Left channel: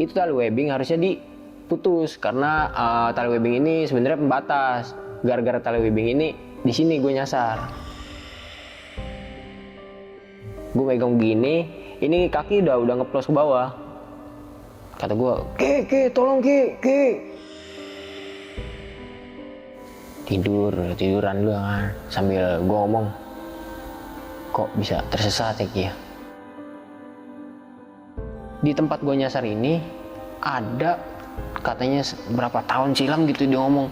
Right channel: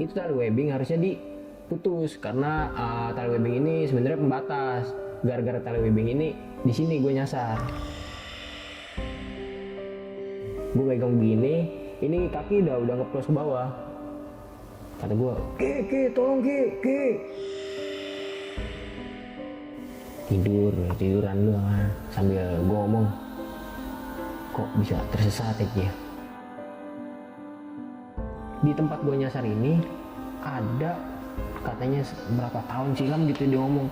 itu tali webbing harusnya diputus karena tali webbing ini sebenarnya pembatas. Gara-gara tali webbing ini di sini gue nyasar. Gue megang begini, ini kaki udah ngeplos ke bawah. Kata gue, Ki, tolong Ki. Tiduran doang kan. Sambil gue ngomong, kok bisa tersesat ya Ki ya? Di tempat gue nyasar ini ada katanya berapa tahun silam gitu dia ngomong,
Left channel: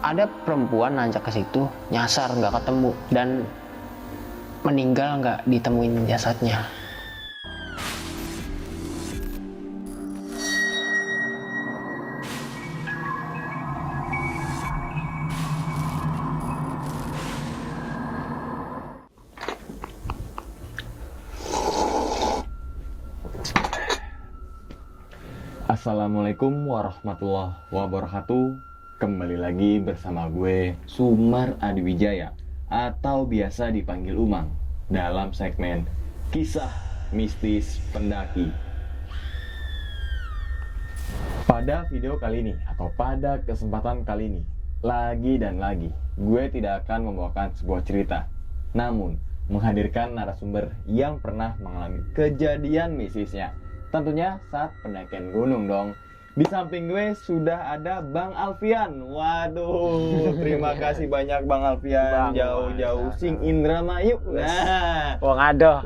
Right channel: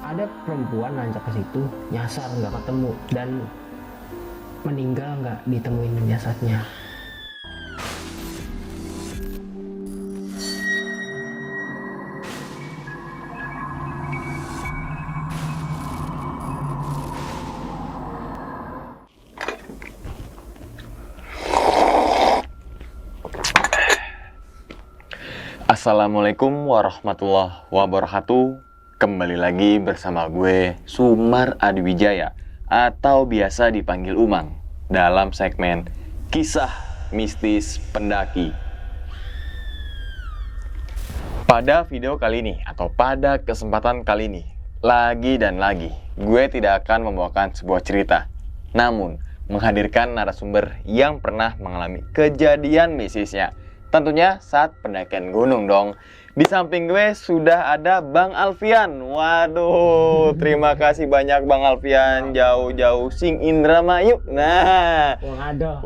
ada perempuan nanjak ke situ nyasar nggak ketemu dan meninggal nggak ditemuin jasadnya. Assalamualaikum warahmatullahi wabarakatuh. Kembali lagi bersama gue Sumar Adiwijaya atau biasa dipanggil Umang dalam segmen Kisah Mistis Pendaki. Pada video kali ini atau pada kesempatan kali ini, lagi dan lagi gue tidak akan membawakan sebuah cerita, namun menghadirkan narasumber yang pernah mengalami kejadian mistisnya. Tentunya saat pendakian gunung dong. Di samping gue sudah ada Bang Alfian. Waduh, terima kasih banyak Bang Alfian. Jauh-jauh sing Indramayu. Nah, Wong adoh,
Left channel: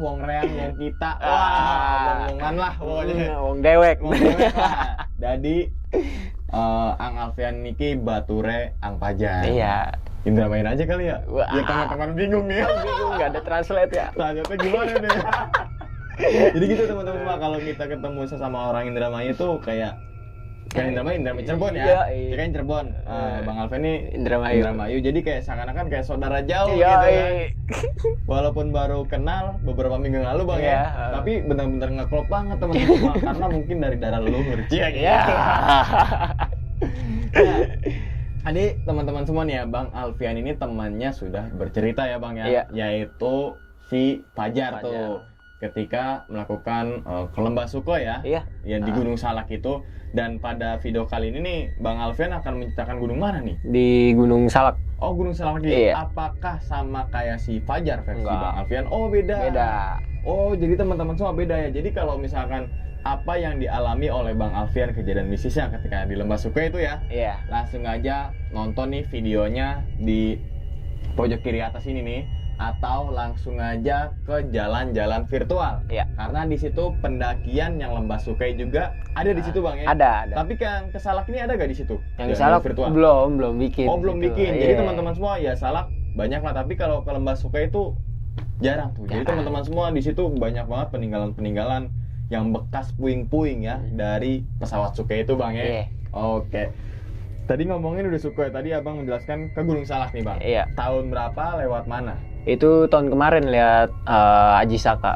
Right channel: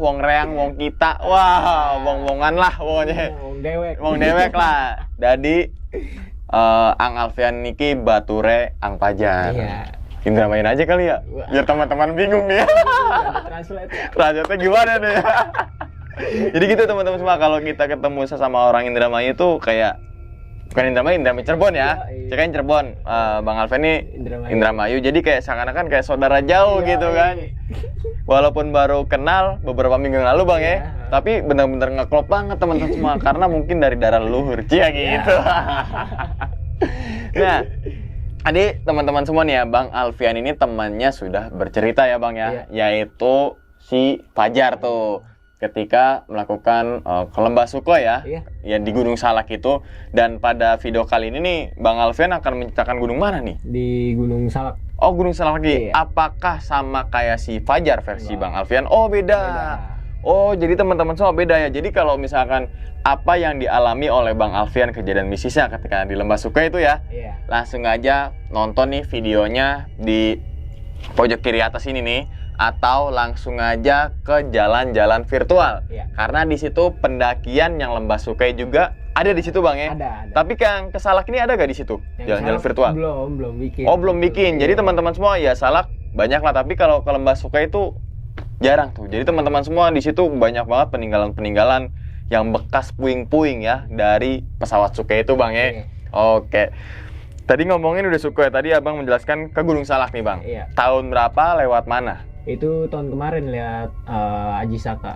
wong reang, wong kita. Wah, wong-wongan lah pokoknya. wong dewek lah. Jadi Ang Alfian niki bature Ang Pajar. Iya. Indramayu aja kali ya. Biar teman-teman bingung nih. Nggak ada translate ya. Translate gimana nih? Jadi gitu teman-teman semua, kalau kita ketemu sesama orang Indramayu itu kayak bukan Indramayu Cirebon ya. Cekain Cirebon. Bang Alfian ini Indramayu. Jadi kayak seakan-akan kayak saudara jauh gitu kan. Walaupun baru kenal beberapa minggu yang lalu Bang ya. Tapi benar-benar ngeklop banget teman-teman semua karena mungkin dari darah leluhur cia gitu. Nah, adik teman-teman semua nih ya, Bang Alfian ini temannya sudah bercerita ya Bang ya, yaitu si Fajar tuh. Ketika melakukan ke Lembah Sukoi ya, yang di Gunung Salak itu. Dan pada video kali ini nih, Bang Alfian akan menceritakan gunung mana nih? Di Gunung Salak. Oh, Gunung Salak lagi. Iya. Apakah sama kayak si Fajar versi Bang Alfian? Oh, beda. Oh, jadi teman-teman semua beda ya. Jadi kalau misalkan apa yang dialami oleh Bang Alfian kejadian mistisnya ketika di Lembah Sukoi itu ya, langsung aja nonton nih videonya di pojok kiri atas ini nih. Atau langsung aja ke jalan-jalan virtual. Karena di situ pendakian yang Lembah Sukoi juga ada di situ Bang ya. Ada. Tapi yang ke Salak ini ada gak di situ? Yang jalan-jalan virtual? Belum bikin. Oh, belum bikin. Jadi teman-teman semua ya Salak banyak lah, tapi kalau ke Lembah Sukoi itu jarang tuh. Jadi teman-teman semua di situ banyak banget peninggalan-peninggalan yang bekas puing-puing ya dari pesawat Sukoi itu Bang ya. Oke. Tadi ngomongin udah Sukoi, tadi Abang menjelaskan ke Gunung Salak nih Bang. Tahun berapa, lewat mana? Itu tahun kemarin lihat Aji Saka.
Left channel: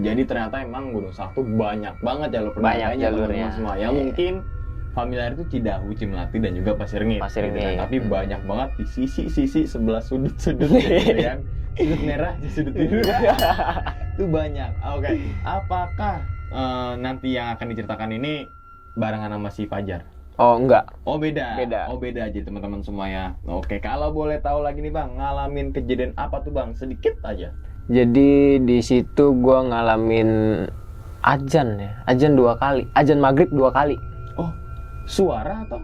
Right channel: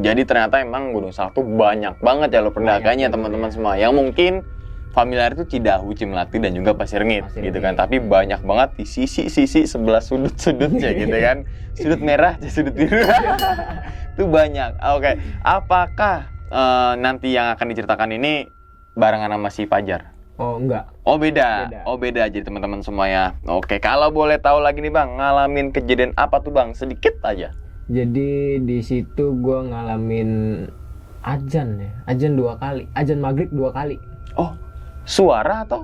Jadi ternyata emang Gunung Salak tuh banyak banget ya lo pendakiannya teman-teman semua. Yang mungkin familiar itu Cidahu, Cimlati dan juga Pasir Ringit gitu kan. Tapi banyak banget di sisi-sisi sebelah sudut-sudutnya gitu kan. Sudut merah, sudut biru. Itu banyak. Oke. Apakah nanti yang akan diceritakan ini barengan sama si Fajar? Oh, enggak. Oh, beda. Oh, beda aja teman-teman semua ya. Oke, kalau boleh tahu lagi nih Bang, ngalamin kejadian apa tuh Bang? Sedikit aja. Jadi di situ gua ngalamin azan ya. Azan 2 kali. Azan maghrib 2 kali. Oh, suara atau?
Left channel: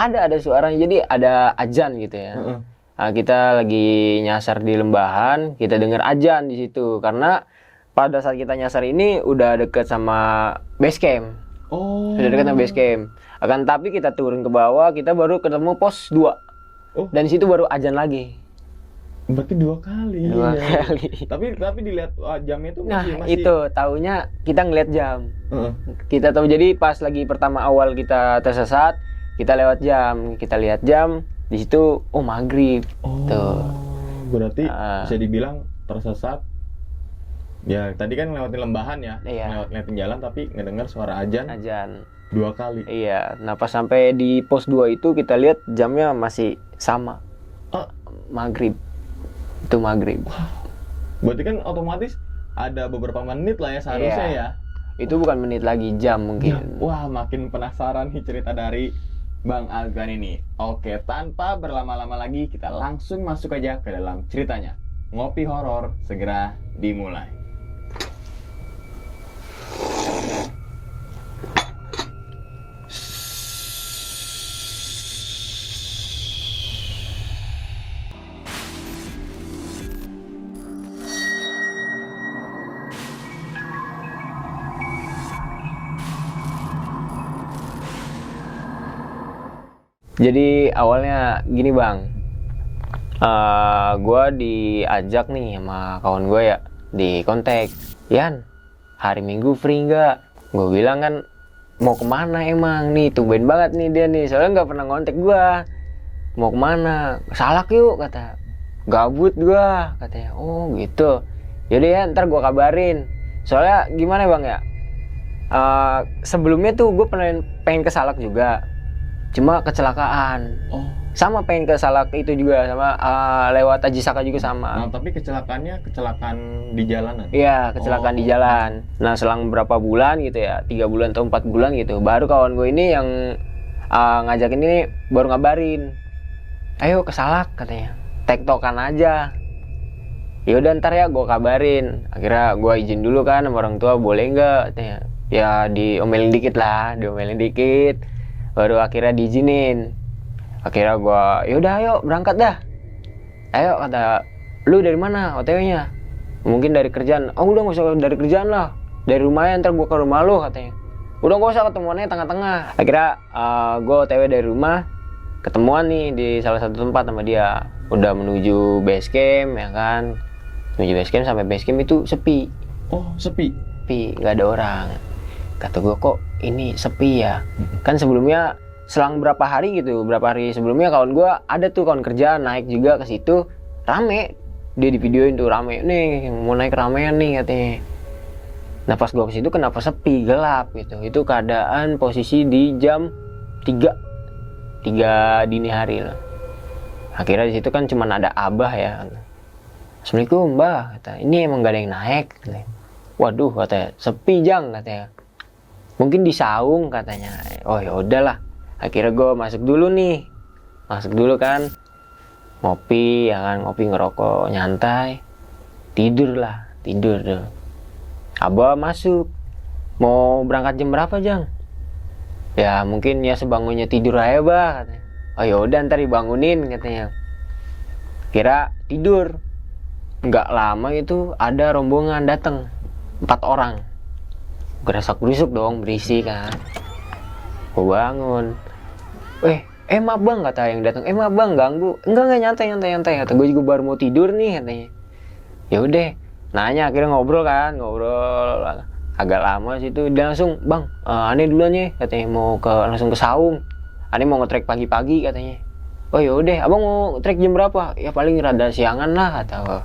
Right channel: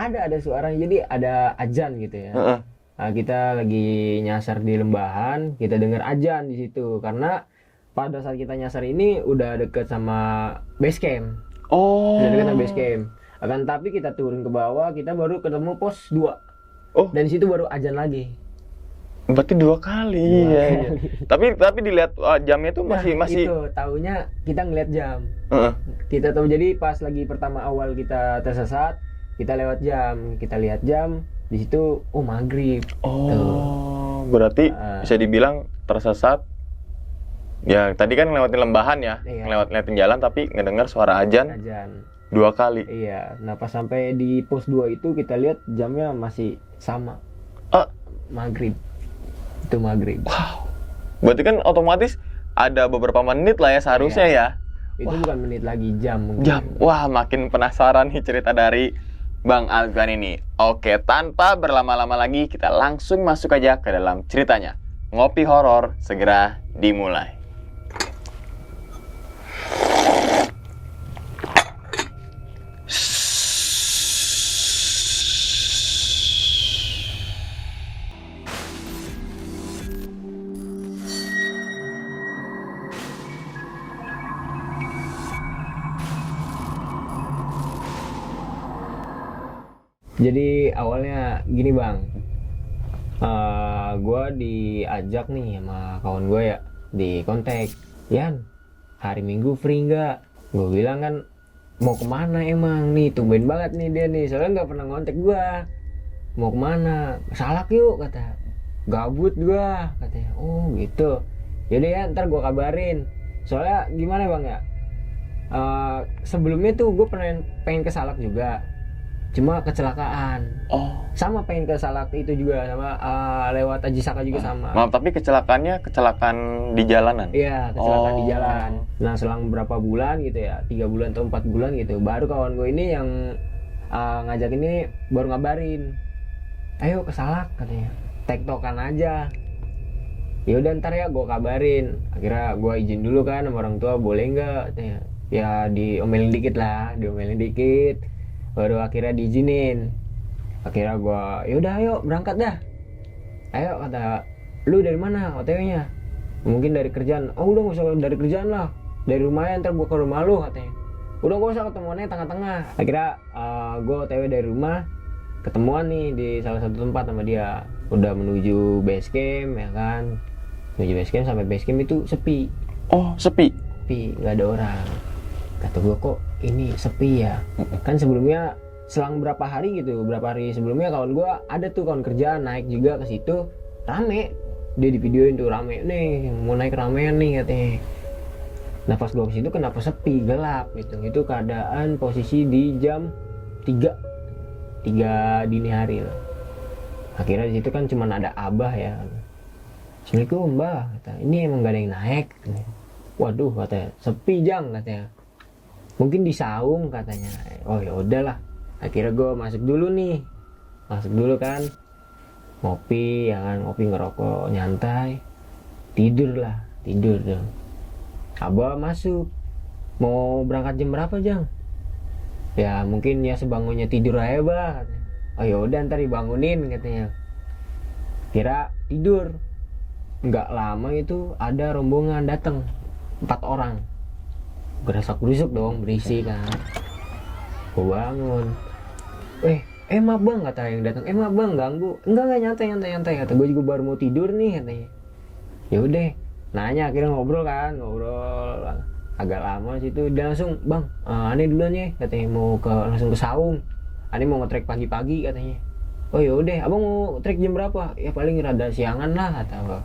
Ada suaranya. Jadi ada azan gitu ya. Nah, kita lagi nyasar di lembahan, kita dengar azan di situ karena pada saat kita nyasar ini udah deket sama base camp. Oh. Udah deket sama base camp. Akan tapi kita turun ke bawah, kita baru ketemu pos 2. Oh. Dan di situ baru azan lagi. Berarti 2 kali. Tapi dilihat jamnya itu masih. Itu taunya kita ngeliat jam. Kita tahu, jadi pas lagi pertama awal kita tersesat, kita lewat jam, kita lihat jam di situ, oh maghrib. Oh. Tuh. Berarti bisa dibilang tersesat. Ya tadi kan ngelewatin lembahan ya, ngelewatin jalan tapi ngedengar suara azan. 2 kali. Iya. Nah pas sampai di pos 2 itu kita lihat jamnya masih sama. Maghrib. Itu maghrib. Wow. Berarti kan otomatis ada beberapa menit lah ya seharusnya Iya. ya. Itu bukan menit lagi, jam mungkin. Jam. Wah, makin penasaran nih cerita dari Bang Azwan ini. Oke, tanpa berlama-lama lagi, kita langsung masuk aja ke dalam ceritanya. Ngopi horor segera dimulai. Jadi awalnya gini bang, gue diajak nih sama kawan gue ya, di kontak, Yan, hari Minggu free nggak? Gue bilang kan, mau kemana emang nih, tumben banget nih dia nih, soalnya nggak pernah ngontek gue. Mau kemana? Salak yuk kata, gabut gue katanya. Oh gitu, yaudah ya ntar gue kabarin. Soalnya gimana bang ya, sebelumnya tuh gue pengen ke Salak juga. Cuma kecelakaan. Oh, Sama pengen ke Salak itu juga, sama lewat Ajisaka juga sama. maaf, tapi kecelakaannya kecelakaan di jalanan. Iya, kecelakaan di Oh. jalan. Nah, selang berapa bulan gitu ya, 3 bulan atau 4 bulan gitu, baru kawan gue ini yang ngajakin ini baru ngabarin. Ayo ke Salak katanya. Tektokan aja. Ya udah ntar ya gue kabarin. Akhirnya gue izin dulu kan sama orang tua, boleh nggak katanya. Ya diomelin dikit lah, diomelin dikit. Baru akhirnya diizinin. Akhirnya gua yaudah ayo berangkat dah. Ayo kata, lu dari mana OTW-nya? Mungkin dari kerjaan. Oh udah gak usah dari kerjaan lah, dari rumahnya ntar gua ke rumah lu katanya. Udah gak usah, ketemuannya tengah-tengah. Akhirnya gua OTW dari rumah, ketemuan nih di salah satu tempat sama dia. Udah menuju base camp ya kan. Menuju base camp, sampai base camp itu sepi. Oh, sepi. Sepi, gak ada orang. Kata gue, kok ini sepi ya? Kan sebelumnya selang berapa hari sebelumnya kawan gue ada tuh kawan kerja naik juga ke situ, rame. Dia di videoin tuh rame, nih mau naik ramean nih katanya. Nah pas gue ke situ kenapa sepi, gelap gitu. Itu keadaan posisi di jam 3 dini hari lah. Akhirnya di situ kan cuma ada Abah ya. Assalamualaikum Mbah, kata. Ini emang gak ada yang naik katanya. Waduh katanya, sepi Jang katanya. Mungkin di saung katanya. Oh ya udahlah. Akhirnya gue masuk dulu kan, ngopi ya kan, ngopi ngerokok nyantai, tidur tuh. Abah masuk, mau berangkat jam berapa Jang? Ya mungkin ya sebangunnya tidur aja bah katanya. Oh ya udah ntar dibangunin katanya. Kira tidur, nggak lama itu ada rombongan datang, 4 orang. Gerasak-gerusuk dong, berisik kan. Gue bangun. Maaf bang kata yang datang. Maaf bang ganggu. Enggak nyantai. Kata gue juga baru mau tidur nih katanya. Ya udah, nanya akhirnya ngobrol agak lama situ. Dia langsung, bang, aneh duluan ya katanya mau langsung ke saung. Aneh mau nge-trek pagi-pagi katanya. Oh ya udah, abang mau trek jam berapa? Ya paling rada siangan lah kata gue.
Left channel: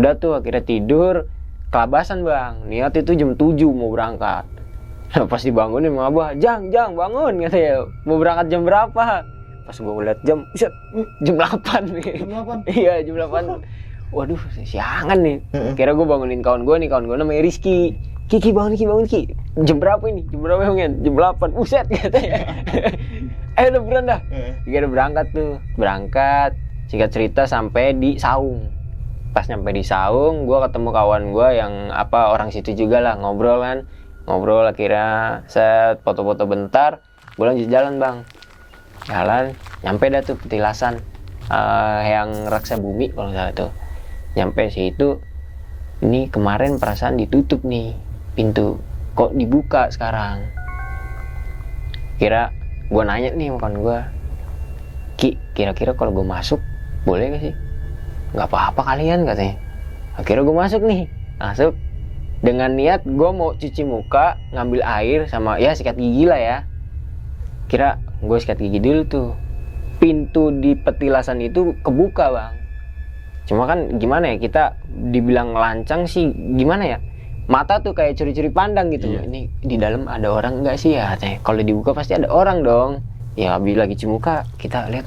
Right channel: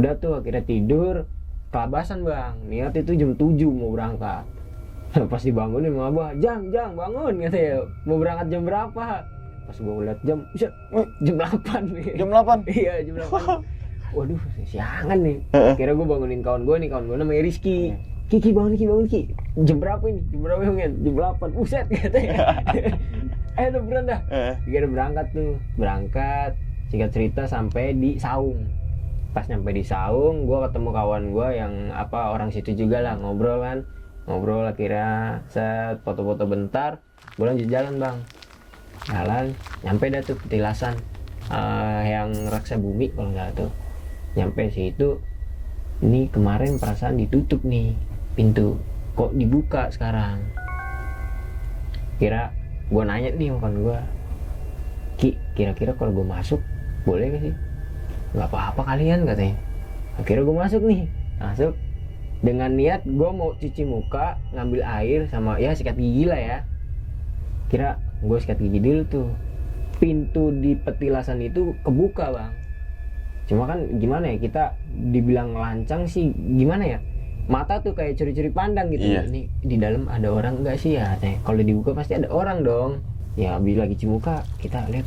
Udah tuh akhirnya tidur. Kelabasan bang, niat itu jam 7 mau berangkat. Nah, pas dibangunin sama Abah, Jang bangun katanya, mau berangkat jam berapa? Pas gue ngeliat jam 8 nih. Jam 8? Iya jam 8. Waduh siangan nih. Kira gue bangunin kawan gue namanya Rizky. Ki bangun Ki. Jam berapa ini? Jam berapa Bang? Jam 8. Buset katanya. Udah beran dah. Kira berangkat tuh. Singkat cerita sampai di saung. Pas nyampe di saung, gue ketemu kawan gue yang orang situ juga lah, ngobrol akhirnya set foto-foto bentar, gue lanjut jalan bang, nyampe dah tuh petilasan yang Raksa Bumi kalau nggak salah tuh, nyampe situ, ini kemarin perasaan ditutup nih pintu, kok dibuka sekarang? Kira gue nanya nih kawan gue, Ki, kira-kira kalau gue masuk boleh gak sih? Nggak apa-apa kalian katanya. Akhirnya gue masuk dengan niat gue mau cuci muka, ngambil air sama ya sikat gigi lah ya. Kira gue sikat gigi dulu tuh, pintu di petilasan itu kebuka bang. Cuma kan gimana ya, kita dibilang lancang sih gimana ya, mata tuh kayak curi-curi pandang gitu. Iya. Ini di dalam ada orang nggak sih ya katanya. Kalau dibuka pasti ada orang dong. Ya habis lagi cuci muka kita lihat,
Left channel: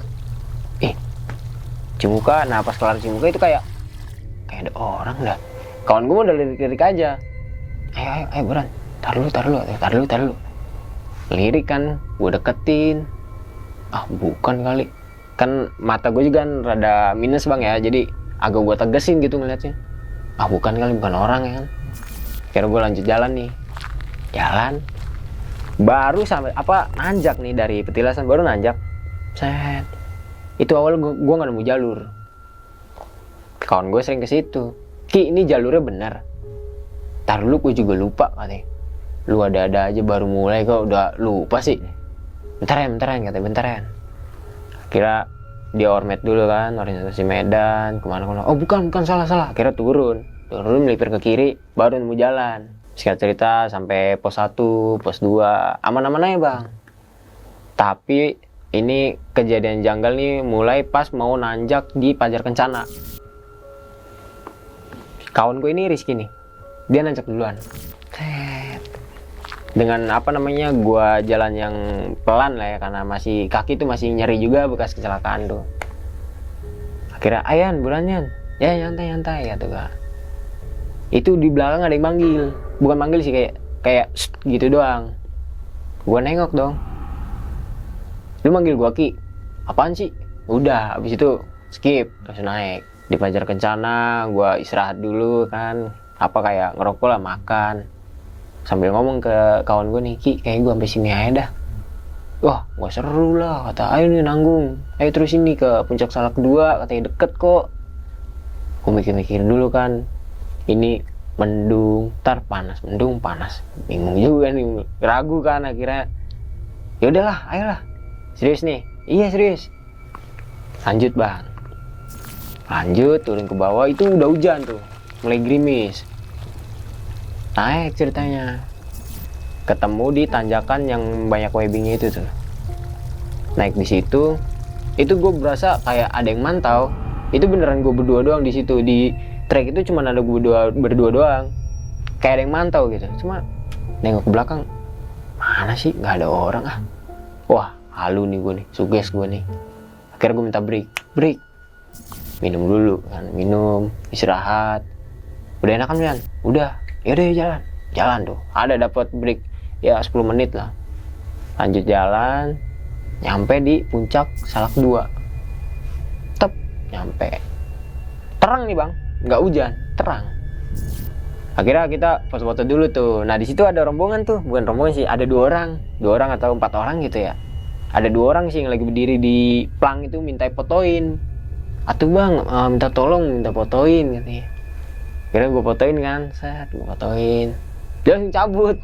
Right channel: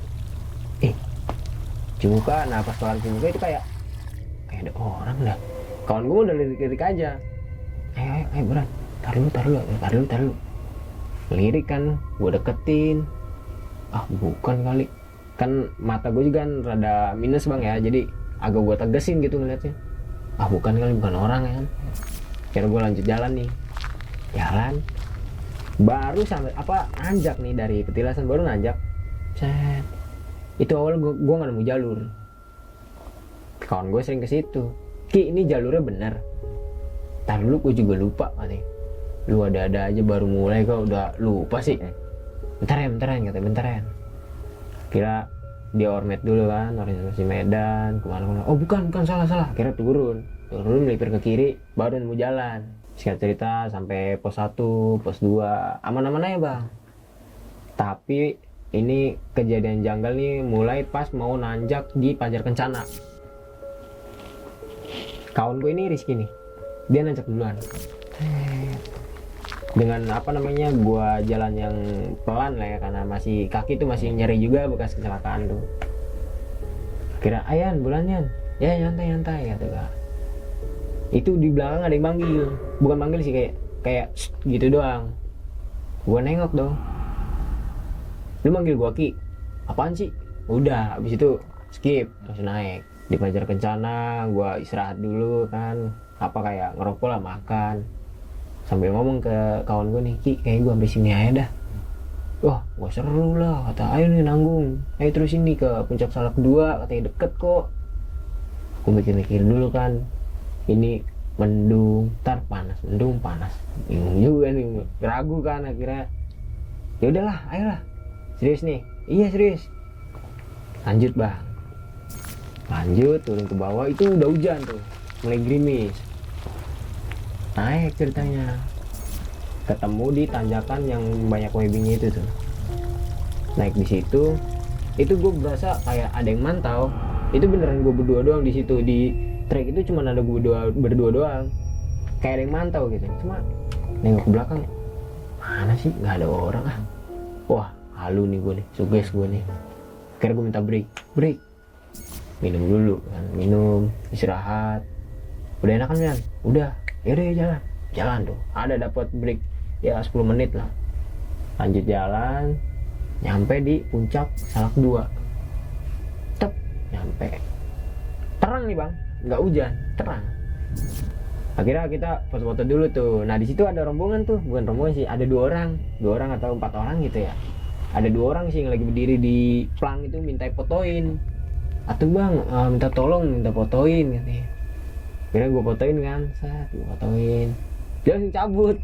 cuci muka. Nah pas kelar cuci muka itu kayak ada orang dah. Kawan gue udah lirik-lirik aja, ayo Bran, tar dulu. Lirik kan, gue deketin, bukan kali, kan mata gue juga kan rada minus bang ya, jadi agak gue tegesin gitu ngeliatnya, bukan kali, bukan orang ya kan. Kira gue lanjut jalan nih, baru sampai nanjak nih dari petilasan, baru nanjak, set. Itu awal gue nggak nemu jalur, kawan gue sering ke situ, Ki ini jalurnya benar, tar dulu gue juga lupa katanya. Lu ada aja baru mulai kok udah lupa sih. Bentaran katanya. Kira dia ormet dulu kan, orientasi Medan, kemana. Bukan salah. Kira turun melipir ke kiri, baru nemu jalan. Singkat cerita sampai pos 1, pos 2, aman-aman aja bang. Tapi ini kejadian janggal nih mulai pas mau nanjak di Pajar Kencana. Kawan gue ini Rizky nih, dia nanjak duluan. Dengan gua jalan yang pelan lah ya, karena masih kaki tuh masih nyeri juga bekas kecelakaan tuh. Akhirnya Ayan bulannya ya nyantai ya tuh kak. Itu di belakang ada yang manggil, bukan manggil sih, kayak gitu doang. Gua nengok dong, lu manggil gua Ki, apaan sih? Udah abis itu skip, langsung naik di Pajar Kencana. Gua istirahat dulu kan, kayak ngerokok lah, makan. Sambil ngomong ke kawan gue nih, Ki, kayak gue sampai sini aja dah. Wah, gak seru lah, kata, ayo nih nanggung, ayo terus ini ke Puncak Salak 2, katanya deket kok. Gue mikir-mikir dulu kan, ini mendung, ntar panas, bingung juga nih, ragu kan akhirnya. Ya udahlah, ayolah, serius nih, iya serius. Lanjut bang, turun ke bawah, itu udah hujan tuh, mulai gerimis. Naik ceritanya, ketemu di tanjakan yang banyak webbingnya itu tuh. Naik di situ, itu gue berasa kayak ada yang mantau. Itu beneran gue berdua doang di situ, di trek itu cuma ada gue berdua doang. Kayak ada yang mantau gitu. Cuma nengok ke belakang, mana sih nggak ada orang ah. Wah halu nih gue nih, suges gue nih. Akhirnya gue minta break. Minum dulu kan, istirahat. Udah enakan Mian? Udah. Yaudah jalan tuh, ada dapat break ya 10 menit lah. Lanjut jalan, nyampe di Puncak Salak 2. Nyampe terang nih bang, nggak hujan, terang. Akhirnya kita foto-foto dulu tuh. Nah di situ ada rombongan tuh, bukan rombongan sih, ada 2 orang atau 4 orang gitu ya. Ada 2 orang sih yang lagi berdiri di plang itu minta fotoin. Atuh bang, minta fotoin gitu ya. Akhirnya gue fotoin kan, gue fotoin. Dia langsung cabut.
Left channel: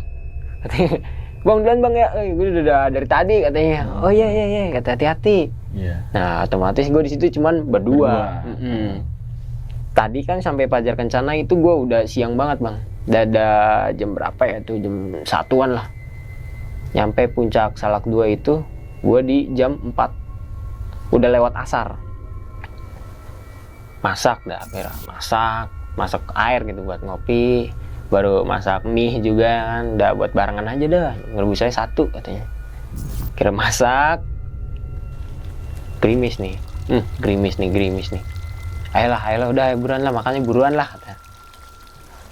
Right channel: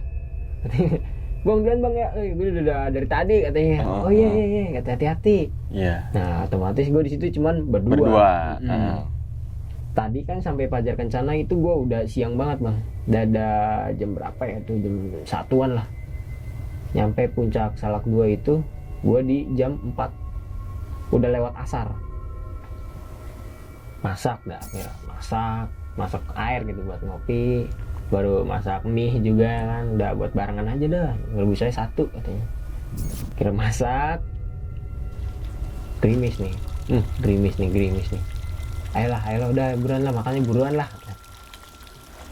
Katanya, bang duluan bang ya, gue udah dari tadi katanya. Oh iya, kata hati-hati. Yeah. Nah otomatis gue di situ cuman berdua. Tadi kan sampai Pajar Kencana itu gue udah siang banget bang. Ada jam berapa ya tuh, jam 1-an lah. Nyampe Puncak Salak 2 itu gue di jam 4. Udah lewat asar. Masak air gitu buat ngopi, baru masak mie juga kan, udah buat barengan aja dah, ngerebus saya 1 katanya. Kira masak, gerimis nih. Ayolah udah buruan lah, makannya buruan lah katanya.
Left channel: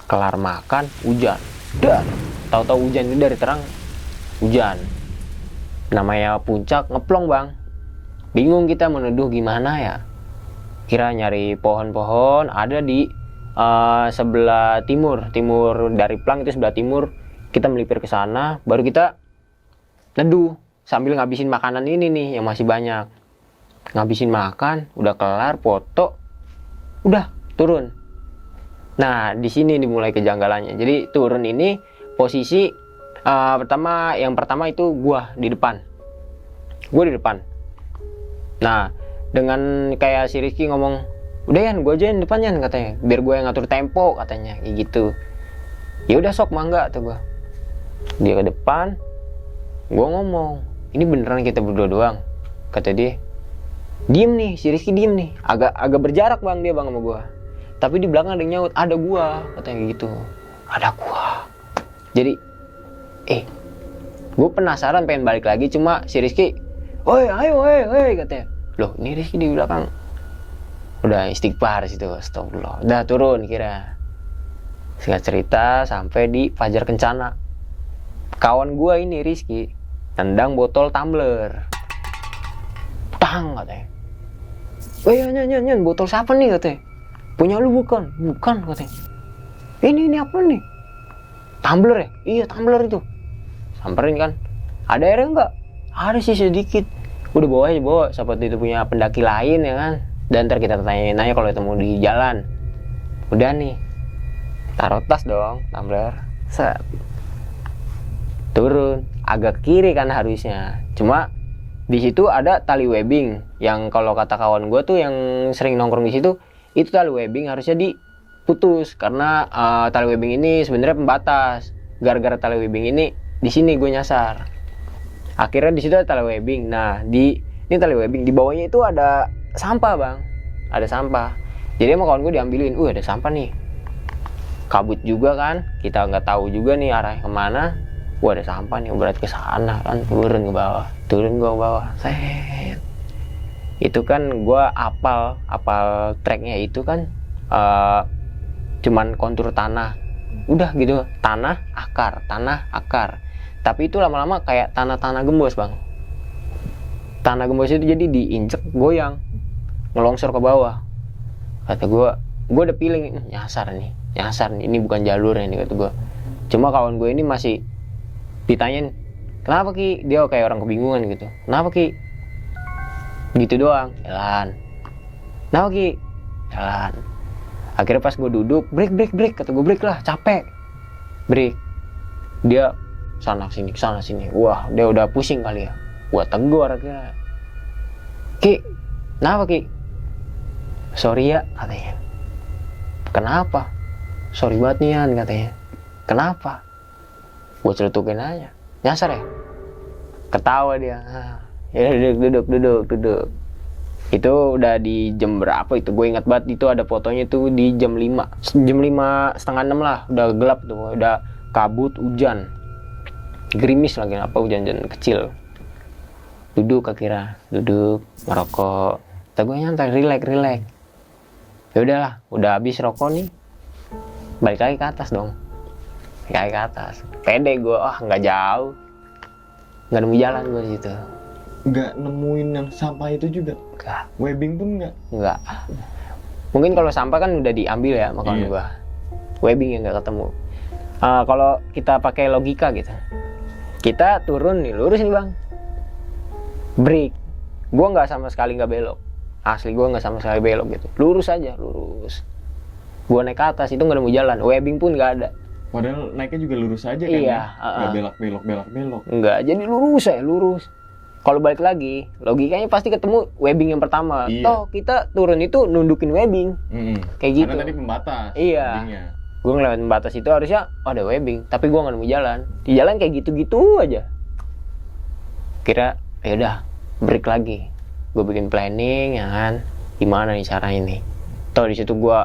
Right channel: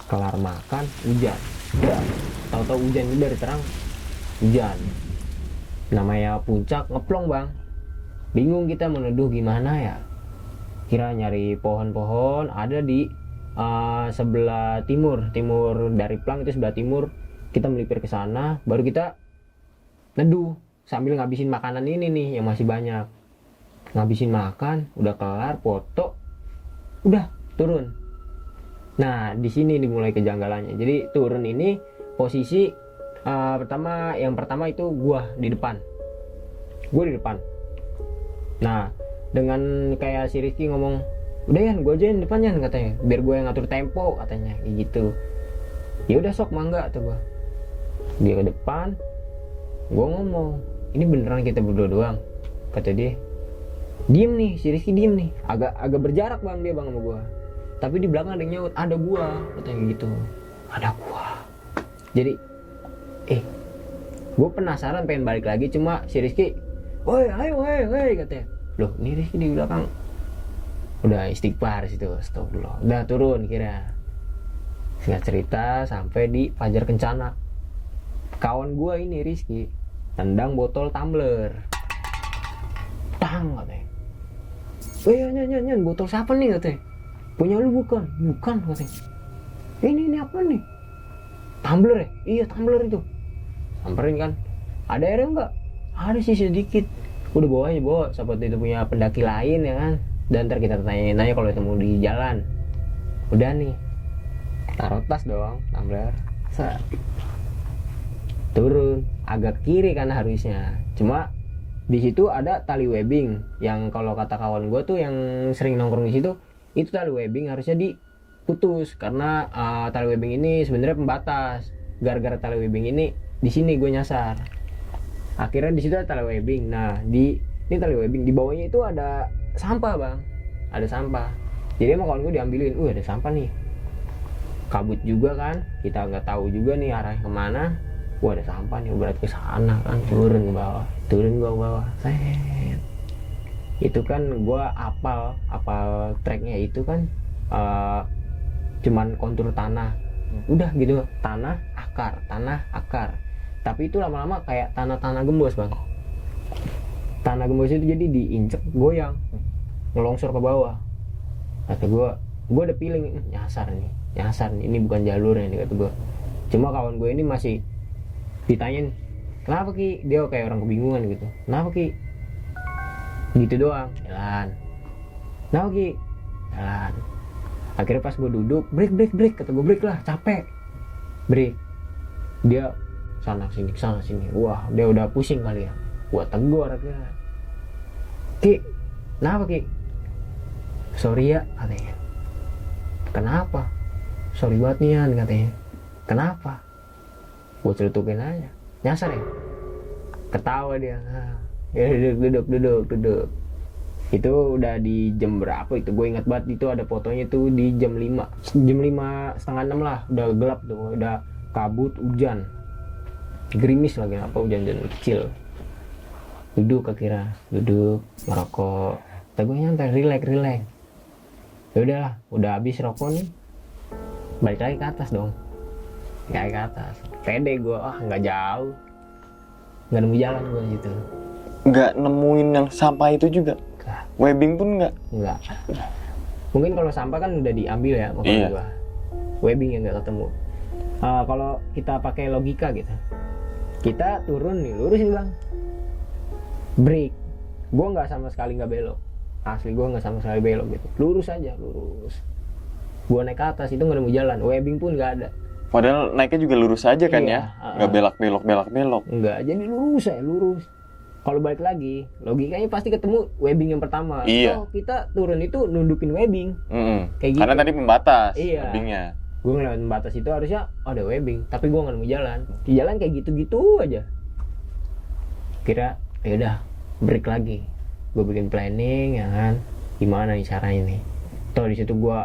Kelar makan, hujan. Udah, tahu-tahu hujan itu dari terang, hujan. Namanya puncak ngeplong bang, bingung kita menuduh gimana ya. Kira nyari pohon-pohon ada di sebelah timur dari plang itu sebelah timur. Kita melipir ke sana, baru kita neduh sambil ngabisin makanan ini nih yang masih banyak. Ngabisin makan, udah kelar foto, udah turun. Nah di sini dimulai kejanggalannya. Jadi turun ini posisi yang pertama itu gua di depan. Nah dengan kayak si Rizky ngomong, udah Yan, gue aja yang depan Yan katanya, biar gue yang ngatur tempo katanya, kayak gitu. Ya udah sok mangga tuh gue. Dia ke depan, gue ngomong, ini beneran kita berdua doang? Kata dia, diem nih, si Rizky diem nih, agak berjarak bang dia bang sama gue. Tapi di belakang ada yang nyaut, ada gue katanya gitu, ada gue. Jadi, gue penasaran pengen balik lagi, cuma si Rizky, ayo katanya. Loh, ini Rizky di belakang. Udah istighfar situ, astagfirullah. Udah turun kira. Singkat cerita sampai di Fajar Kencana. Kawan gua ini Rizky tendang botol tumbler. Tang katanya. Nyan, botol siapa nih katanya? Punya lu bukan? Bukan katanya. Ini apa nih? Tumbler ya? Iya tumbler itu. Samperin kan. Ada airnya enggak? Ada sih sedikit. Udah bawa aja bawa. Seperti itu punya pendaki lain ya kan. Dan ntar kita tanyain aja kalau ketemu di jalan. Udah nih. Taruh tas dong, tumbler. Set. Turun. Agak kiri kan harusnya. Cuma di situ ada tali webbing yang kalau kata kawan gue tuh yang sering nongkrong di situ, itu tali webbing harusnya diputus karena tali webbing ini sebenarnya pembatas. Gara-gara tali webbing ini di sini gue nyasar. Akhirnya di situ ada tali webbing. Nah, ini tali webbing di bawahnya itu ada sampah, Bang. Ada sampah. Jadi emang kawan gue diambilin, ada sampah nih. Kabut juga kan, kita nggak tahu juga nih arahnya kemana. Ada sampah nih, berarti ke sana kan, turun ke bawah. Set. Itu kan gue apal tracknya itu kan cuman kontur tanah. Udah gitu, tanah akar. Tapi itu lama-lama kayak tanah gembos, Bang. Tanah gembos itu jadi diinjek goyang, ngelongsor ke bawah. Kata gue udah feeling nyasar nih, ini bukan jalurnya nih kata gue. Cuma kawan gue ini masih ditanyain, kenapa Ki? Dia kayak orang kebingungan gitu. Kenapa Ki? Gitu doang, jalan. Kenapa Ki? Jalan. Akhirnya pas gue duduk, break. Kata gue break lah, capek. Break. Dia sana sini. Wah, dia udah pusing kali ya. Gua tegur akhirnya. Ki, kenapa Ki? Sorry ya, katanya. Kenapa? Sorry banget nih Yan, katanya. Kenapa? Gue celutukin aja. Nyasar ya? Ketawa dia. Ya duduk. Itu udah di jam berapa itu? Gue ingat banget itu ada fotonya tuh di jam 5. Jam 5 setengah 6 lah. Udah gelap tuh. Udah kabut, hujan. Gerimis lagi apa hujan-hujan kecil. Duduk merokok. Kata gue nyantai, relax. Ya udahlah, udah habis rokok nih. Balik lagi ke atas dong. Pede gue, nggak jauh. Nggak nemu jalan gue di situ. Nggak nemuin yang sampah itu juga? Nggak. Webbing pun nggak? Nggak. Mungkin kalau sampah kan udah diambil ya makanya gue. Webbing yang nggak ketemu. Kalau kita pakai logika gitu. Kita turun nih, lurus nih Bang. Break. Gue nggak sama sekali nggak belok. Asli gue nggak sama sekali belok gitu. Lurus aja. Gue naik ke atas itu nggak nemu jalan. Webbing pun nggak ada. Padahal naiknya juga lurus aja kan ya? Nggak belok-belok. Nggak, jadi lurus. Kalau balik lagi, logikanya pasti ketemu webbing yang pertama. Iya. Kita turun itu nundukin webbing. Kayak gitu. Karena tadi pembatas. Iya. Webbingnya. Gue ngelewatin batas itu harusnya ada webbing, tapi gue nggak nemu jalan. Di jalan kayak gitu-gitu aja. Kira ya udah break lagi. Gue bikin planning ya kan, gimana nih caranya nih. Di situ gue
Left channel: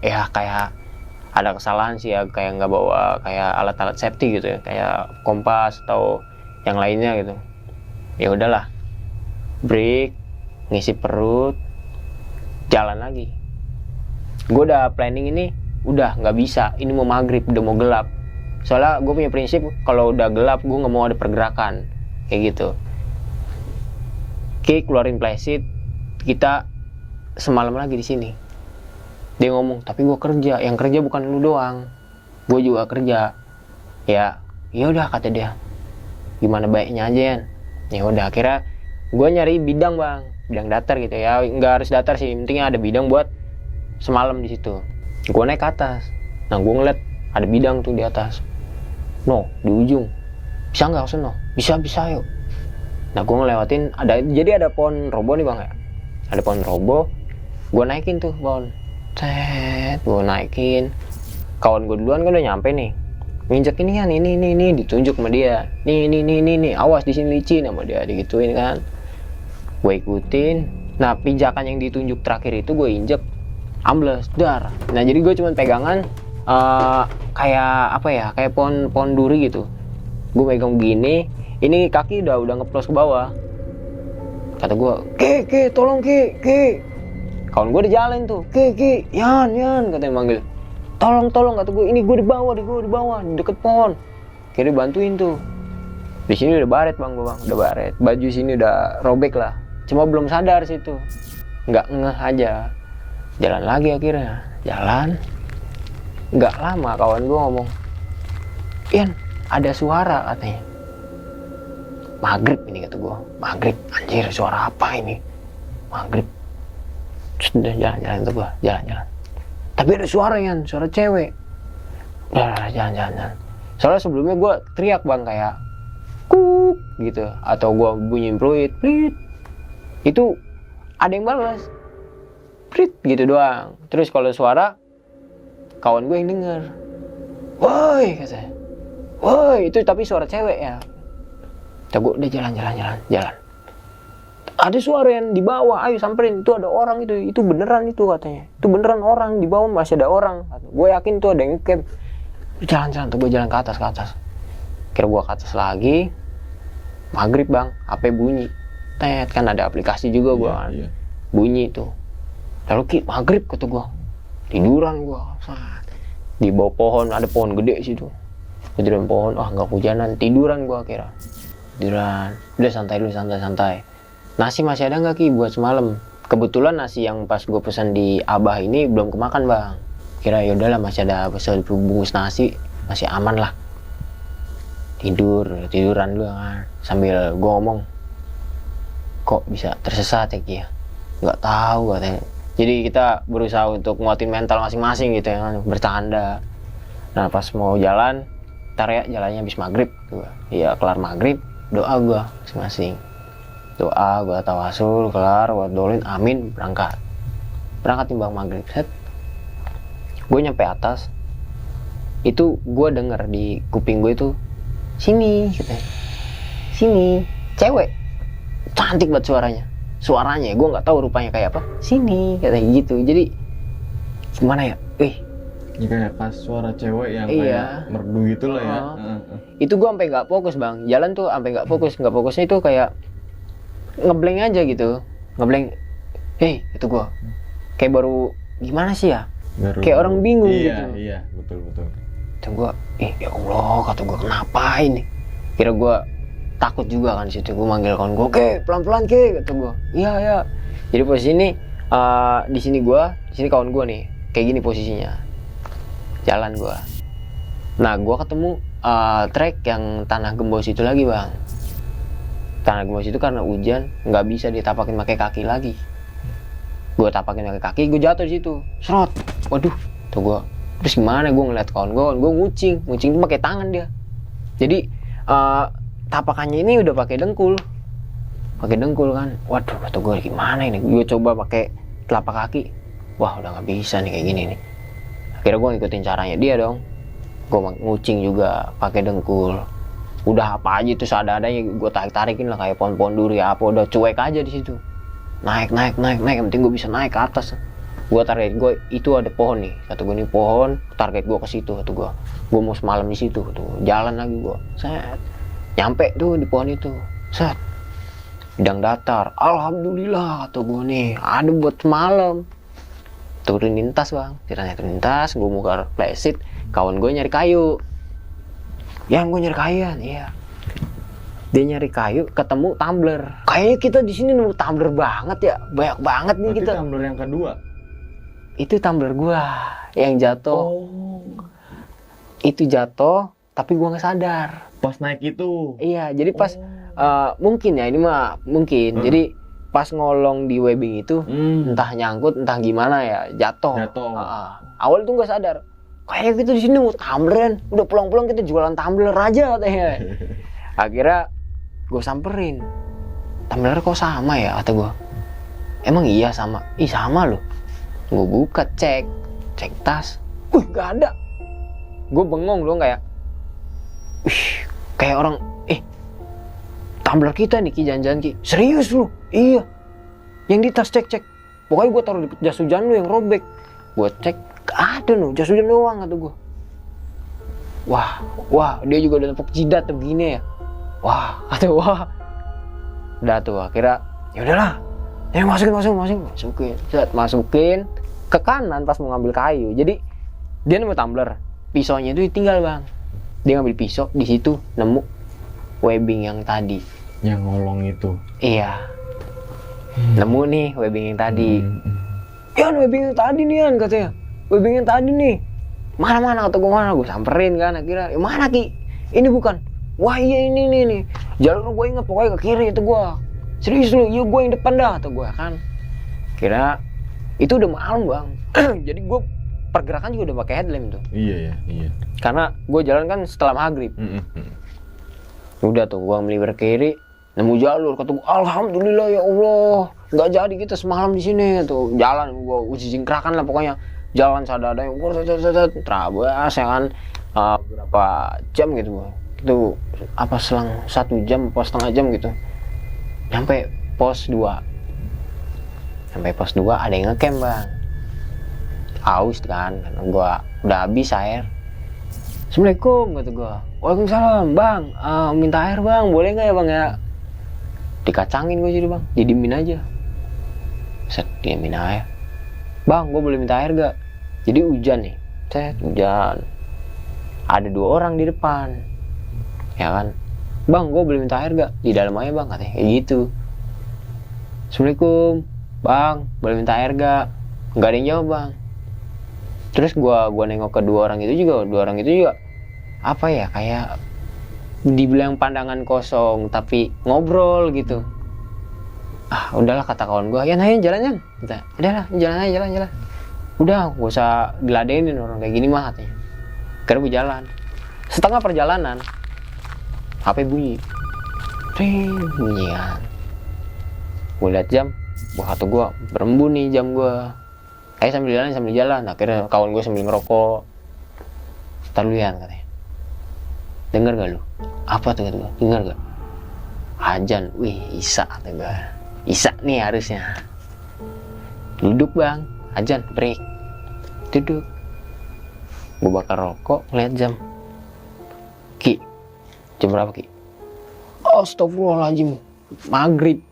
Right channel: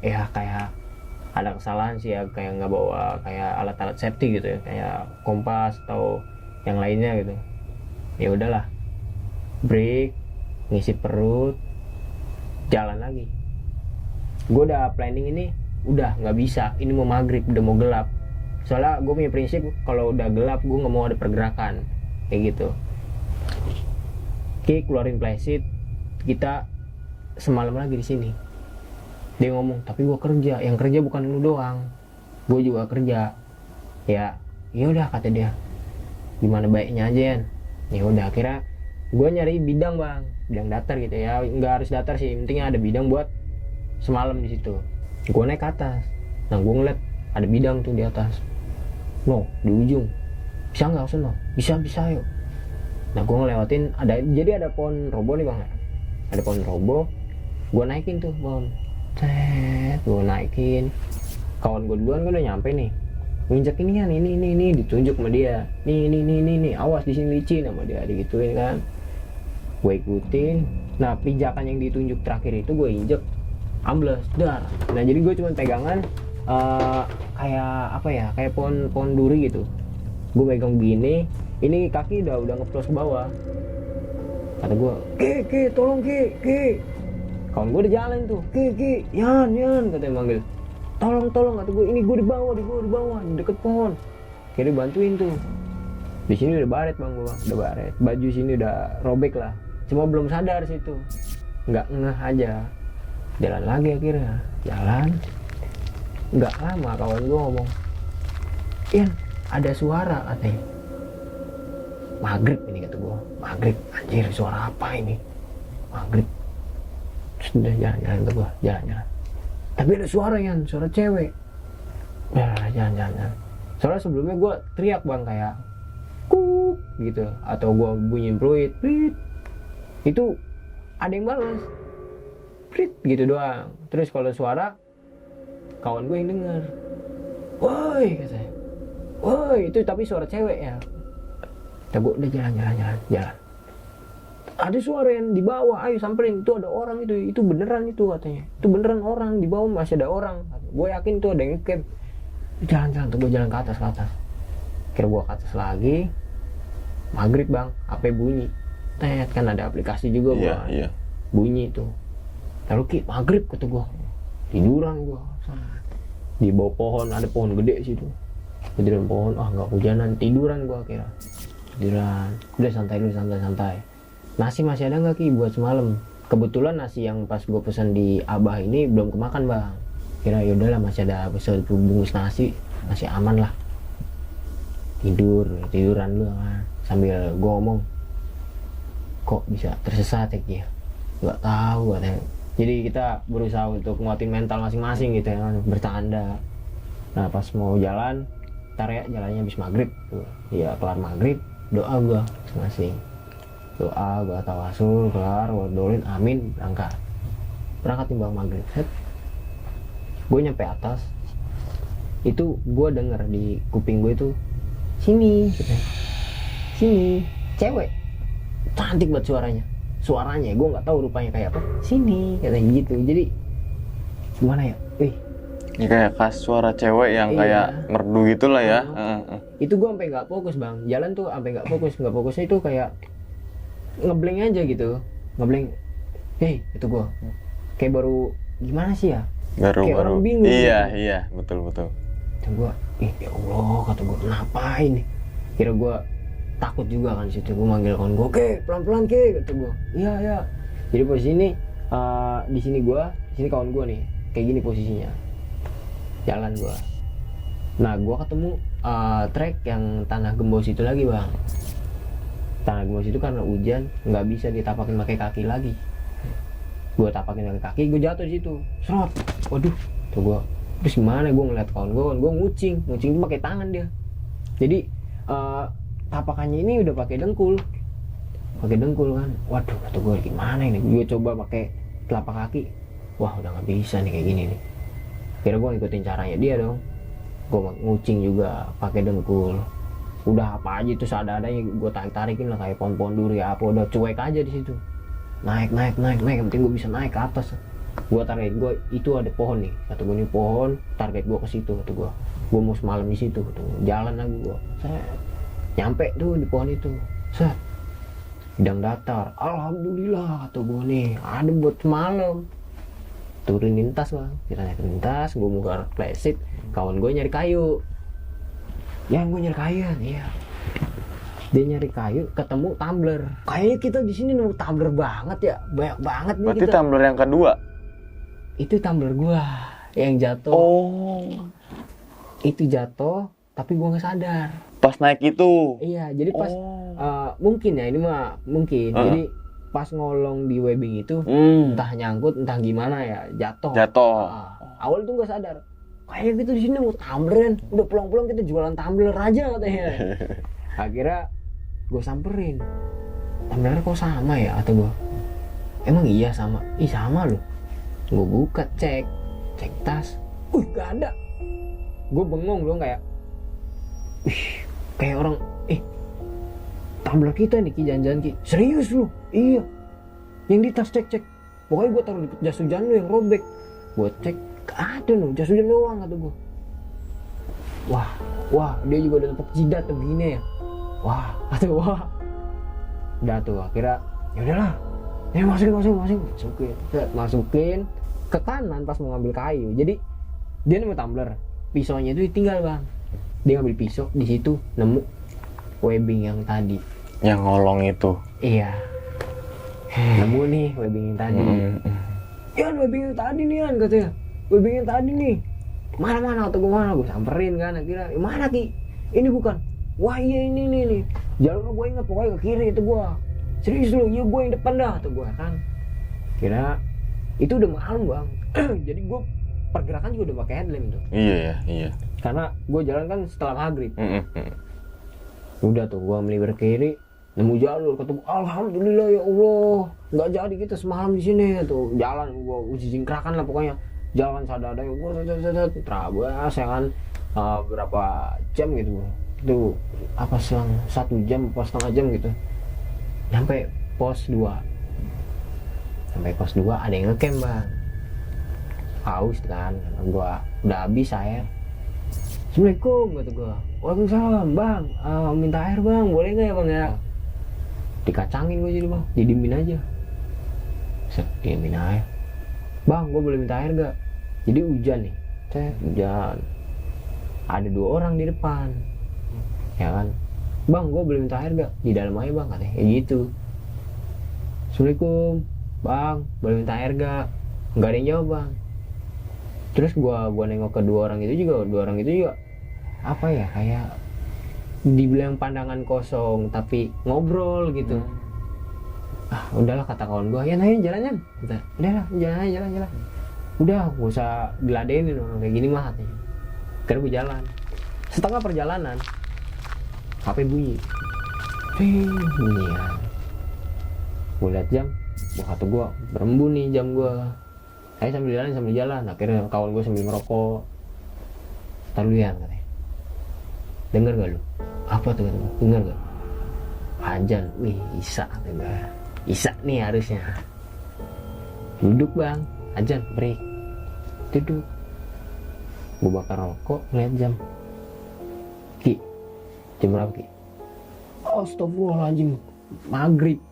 ya kayak ada kesalahan sih ya, kayak nggak bawa kayak alat-alat safety gitu ya, kayak kompas atau yang lainnya gitu. Ya udahlah, break, ngisi perut, jalan lagi. Gue udah planning ini, udah nggak bisa, ini mau maghrib, udah mau gelap. Soalnya gue punya prinsip kalau udah gelap gue nggak mau ada pergerakan kayak gitu. Oke, keluarin playset, kita semalam lagi di sini. Dia ngomong, tapi gue kerja, yang kerja bukan lu doang, gue juga kerja. Ya udah kata dia, gimana baiknya aja Yan. Ya udah akhirnya gue nyari bidang Bang, bidang datar gitu ya, nggak harus datar sih, pentingnya ada bidang buat semalam di situ. Gue naik ke atas, nah gue ngeliat ada bidang tuh di atas. Di ujung, bisa nggak Sono? Bisa yuk. Nah gue ngelewatin jadi ada pohon robo nih Bang ya, ada pohon robo. Gue naikin tuh pohon, gue naikin. Kawan gue duluan kan udah nyampe nih, nginjek ini kan, ini ditunjuk sama dia, nih awas di sini licin sama dia, digituin kan. Gue ikutin. Nah pijakan yang ditunjuk terakhir itu gue injek, ambles dar. Nah jadi gue cuma pegangan kayak apa ya, kayak pohon duri gitu. Gue pegang begini, ini kaki udah ngeplos ke bawah. Kata gue, Ki, tolong Ki. Kawan gue udah jalan tuh, Ki, Yan, katanya manggil. tolong kata gue, ini gue di bawah di deket pohon. Kira bantuin tuh. Di sini udah baret bang, udah baret. Baju sini udah robek lah. Cuma belum sadar situ, nggak ngeh aja. Jalan lagi akhirnya, jalan. Nggak lama kawan gue ngomong, Ian ada suara katanya. Maghrib ini kata gue, maghrib, anjir suara apa ini? Maghrib. Sudah jalan-jalan tuh gue, jalan-jalan. Tapi ada suara Ian, suara cewek. Jalan. Soalnya sebelumnya gue teriak bang kayak kuk gitu, atau gue bunyiin peluit, plit. Itu ada yang balas, plit gitu doang. Terus kalau suara kawan gue yang denger, woi katanya, woi itu tapi suara cewek ya. Kata gue udah jalan. Ada suara yang di bawah, ayo samperin, itu ada orang itu beneran itu katanya. Itu beneran orang, di bawah masih ada orang. Gue yakin itu ada yang ngecamp. Jalan tuh gue jalan ke atas. Kira gue ke atas lagi, maghrib bang, HP bunyi. Tet, kan ada aplikasi juga gue kan. Iya. Bunyi tuh. Lalu maghrib kata gue. Tiduran gue. Di bawah pohon, ada pohon gede situ. Tiduran pohon, nggak hujanan, tiduran gue kira. Tiduran, udah santai dulu, santai. Nasi masih ada nggak Ki buat semalam? Kebetulan nasi yang pas gue pesan di Abah ini belum kemakan bang. Kira yaudahlah masih ada bungkus nasi, masih aman lah. Tiduran dulu kan. Sambil gue ngomong, kok bisa tersesat ya Ki ya? Nggak tahu katanya. Jadi kita berusaha untuk nguatin mental masing-masing gitu ya kan, bercanda. Nah pas mau jalan, ntar ya jalannya habis maghrib. Iya kelar maghrib, doa gue masing-masing. Doa gue tawasul, kelar, wadolin, amin, berangkat timbang maghrib. Set. Gue nyampe atas, itu gue denger di kuping gue itu, sini, katanya. Sini, cewek, cantik banget suaranya, gue nggak tahu rupanya kayak apa, sini, katanya gitu. Jadi gimana ya, ini kayak khas suara cewek yang kayak merdu gitu lah ya. Itu gue sampai nggak fokus bang, jalan tuh sampai nggak fokusnya itu kayak ngeblank aja gitu, itu gue kayak baru gimana sih ya, kayak orang bingung. Iya betul. Kata gue, ya Allah, kata gue kenapa ini? Kira gue takut juga kan situ, gue manggil kawan gue, oke pelan-pelan ke, kata gue. Iya. Jadi posisi ini di sini kawan gue nih, kayak gini posisinya, jalan gue. Nah gue ketemu trek yang tanah gembos itu lagi bang. Tanah gembos itu karena hujan nggak bisa ditapakin pakai kaki lagi. Gue tapakin pakai kaki, gue jatuh di situ, serot. Waduh, tuh gue. Terus gimana? Gue ngeliat kawan gue ngucing itu pakai tangan dia. Jadi tapakannya ini udah pakai dengkul kan. Waduh, kata gue gimana ini? Gue coba pakai telapak kaki, wah udah nggak bisa nih kayak gini nih. Akhirnya gue ngikutin caranya dia dong. Gue ngucing juga pakai dengkul. Udah apa aja itu seadanya gue tarikin lah, kayak pohon-pohon duri apa, udah cuek aja di situ. Naik, yang penting gue bisa naik ke atas. Gue target gue itu ada pohon nih, kata gue nih pohon, target gue ke situ, kata gue mau semalam di situ, jalan lagi gue, set, nyampe tuh di pohon itu, set, bidang datar, alhamdulillah, kata gue nih, ada buat semalam. Turunin tas bang, turunin tas, gue buka flashit, kawan gue nyari kayu. Yang gue nyari kayu, iya. Dia nyari kayu, ketemu tumbler. Kayaknya kita di sini nemu tumbler banget ya, banyak banget nih. Berarti kita. Tumbler yang kedua? Itu tumbler gua yang jatuh. Itu jatuh, tapi gua nggak sadar. Pas naik itu? Iya, jadi pas mungkin ya ini mah mungkin. Jadi pas ngolong di webbing itu, entah nyangkut, entah gimana ya, jatuh. Awal itu nggak sadar. Kayak gitu di sini mau tumbleran, udah pulang-pulang kita jualan tumbler aja katanya. Akhirnya gue samperin, tumbler kok sama ya, kata gue. Emang iya sama? Ih sama loh. Gue buka cek tas, gak ada. Gue bengong dong kayak, kayak orang, tumbler kita nih Ki, jangan-jangan Ki. Serius lu? Iya. Yang di tas cek. Pokoknya gue taruh di jas hujan lu yang robek. Gue cek, ada loh, jas hujan doang, kata gue. Wah, dia juga udah tepuk jidat begini ya. Wah. Udah tuh, akhirnya ya udahlah. Masukin. Masukin ke kanan pas mau ngambil kayu. Jadi Dia nemu tumbler, pisaunya itu tinggal bang. Dia ngambil pisau, di situ nemu webbing yang tadi. Yang ngolong itu. Iya. Nemu nih webbing yang tadi. Yan, webbing yang tadi nih Yan, katanya. Webbing yang tadi nih. Mana kata gue, mana? Gue samperin kan, akhirnya. Mana Ki? Ini bukan. Wah iya ini nih. Jalur gue ingat pokoknya ke kiri itu gue. Serius lu, iya gue yang depan dah, kata gue kan. Kira itu udah malam bang. Jadi gue pergerakan juga udah pakai headlamp tuh. Iya. Karena gue jalan kan setelah maghrib. Udah tuh gue melipir kiri, nemu jalur, kata gue alhamdulillah ya Allah, nggak jadi kita semalam di sini tuh. Jalan gue jingkrakan lah pokoknya, jalan sadada gue terabas ya kan. Berapa jam gitu itu apa selang 1 jam atau setengah jam gitu nyampe pos 2 ada yang ngecamp bang. Haus kan, karena gue udah habis air. Assalamualaikum kata gue. Waalaikumsalam bang, minta air bang, boleh nggak ya bang ya? Dikacangin gue jadi bang, didiemin aja. Set, diemin air. Bang, gue boleh minta air gak? Jadi hujan nih, hujan. Ada 2 orang di depan, ya kan? Bang, gue boleh minta air gak? Di dalam aja bang, katanya kayak gitu. Assalamualaikum, bang, boleh minta air gak? Nggak ada yang jawab bang. Terus gua nengok ke 2 orang itu juga apa ya, kayak dibilang pandangan kosong tapi ngobrol gitu. Udahlah kata kawan gua, ya nanya jalan. Udahlah jalan. Udah gak usah diladenin orang kayak gini mah katanya. Karena gua jalan. Setengah perjalanan HP bunyi. Bunyian. Gua lihat jam, kata gua berembun nih jam gua. Sambil jalan. Akhirnya kawan gue sambil ngerokok. Ntar lu Yan katanya. Dengar gak lu? Apa tuh kata gue? Dengar gak? Ajan. Wih, Isya kata gue. Isya nih harusnya. Duduk bang. Ajan, break. Duduk. Gue bakar rokok, ngeliat jam. Ki, jam berapa Ki? Astagfirullahaladzim. Maghrib.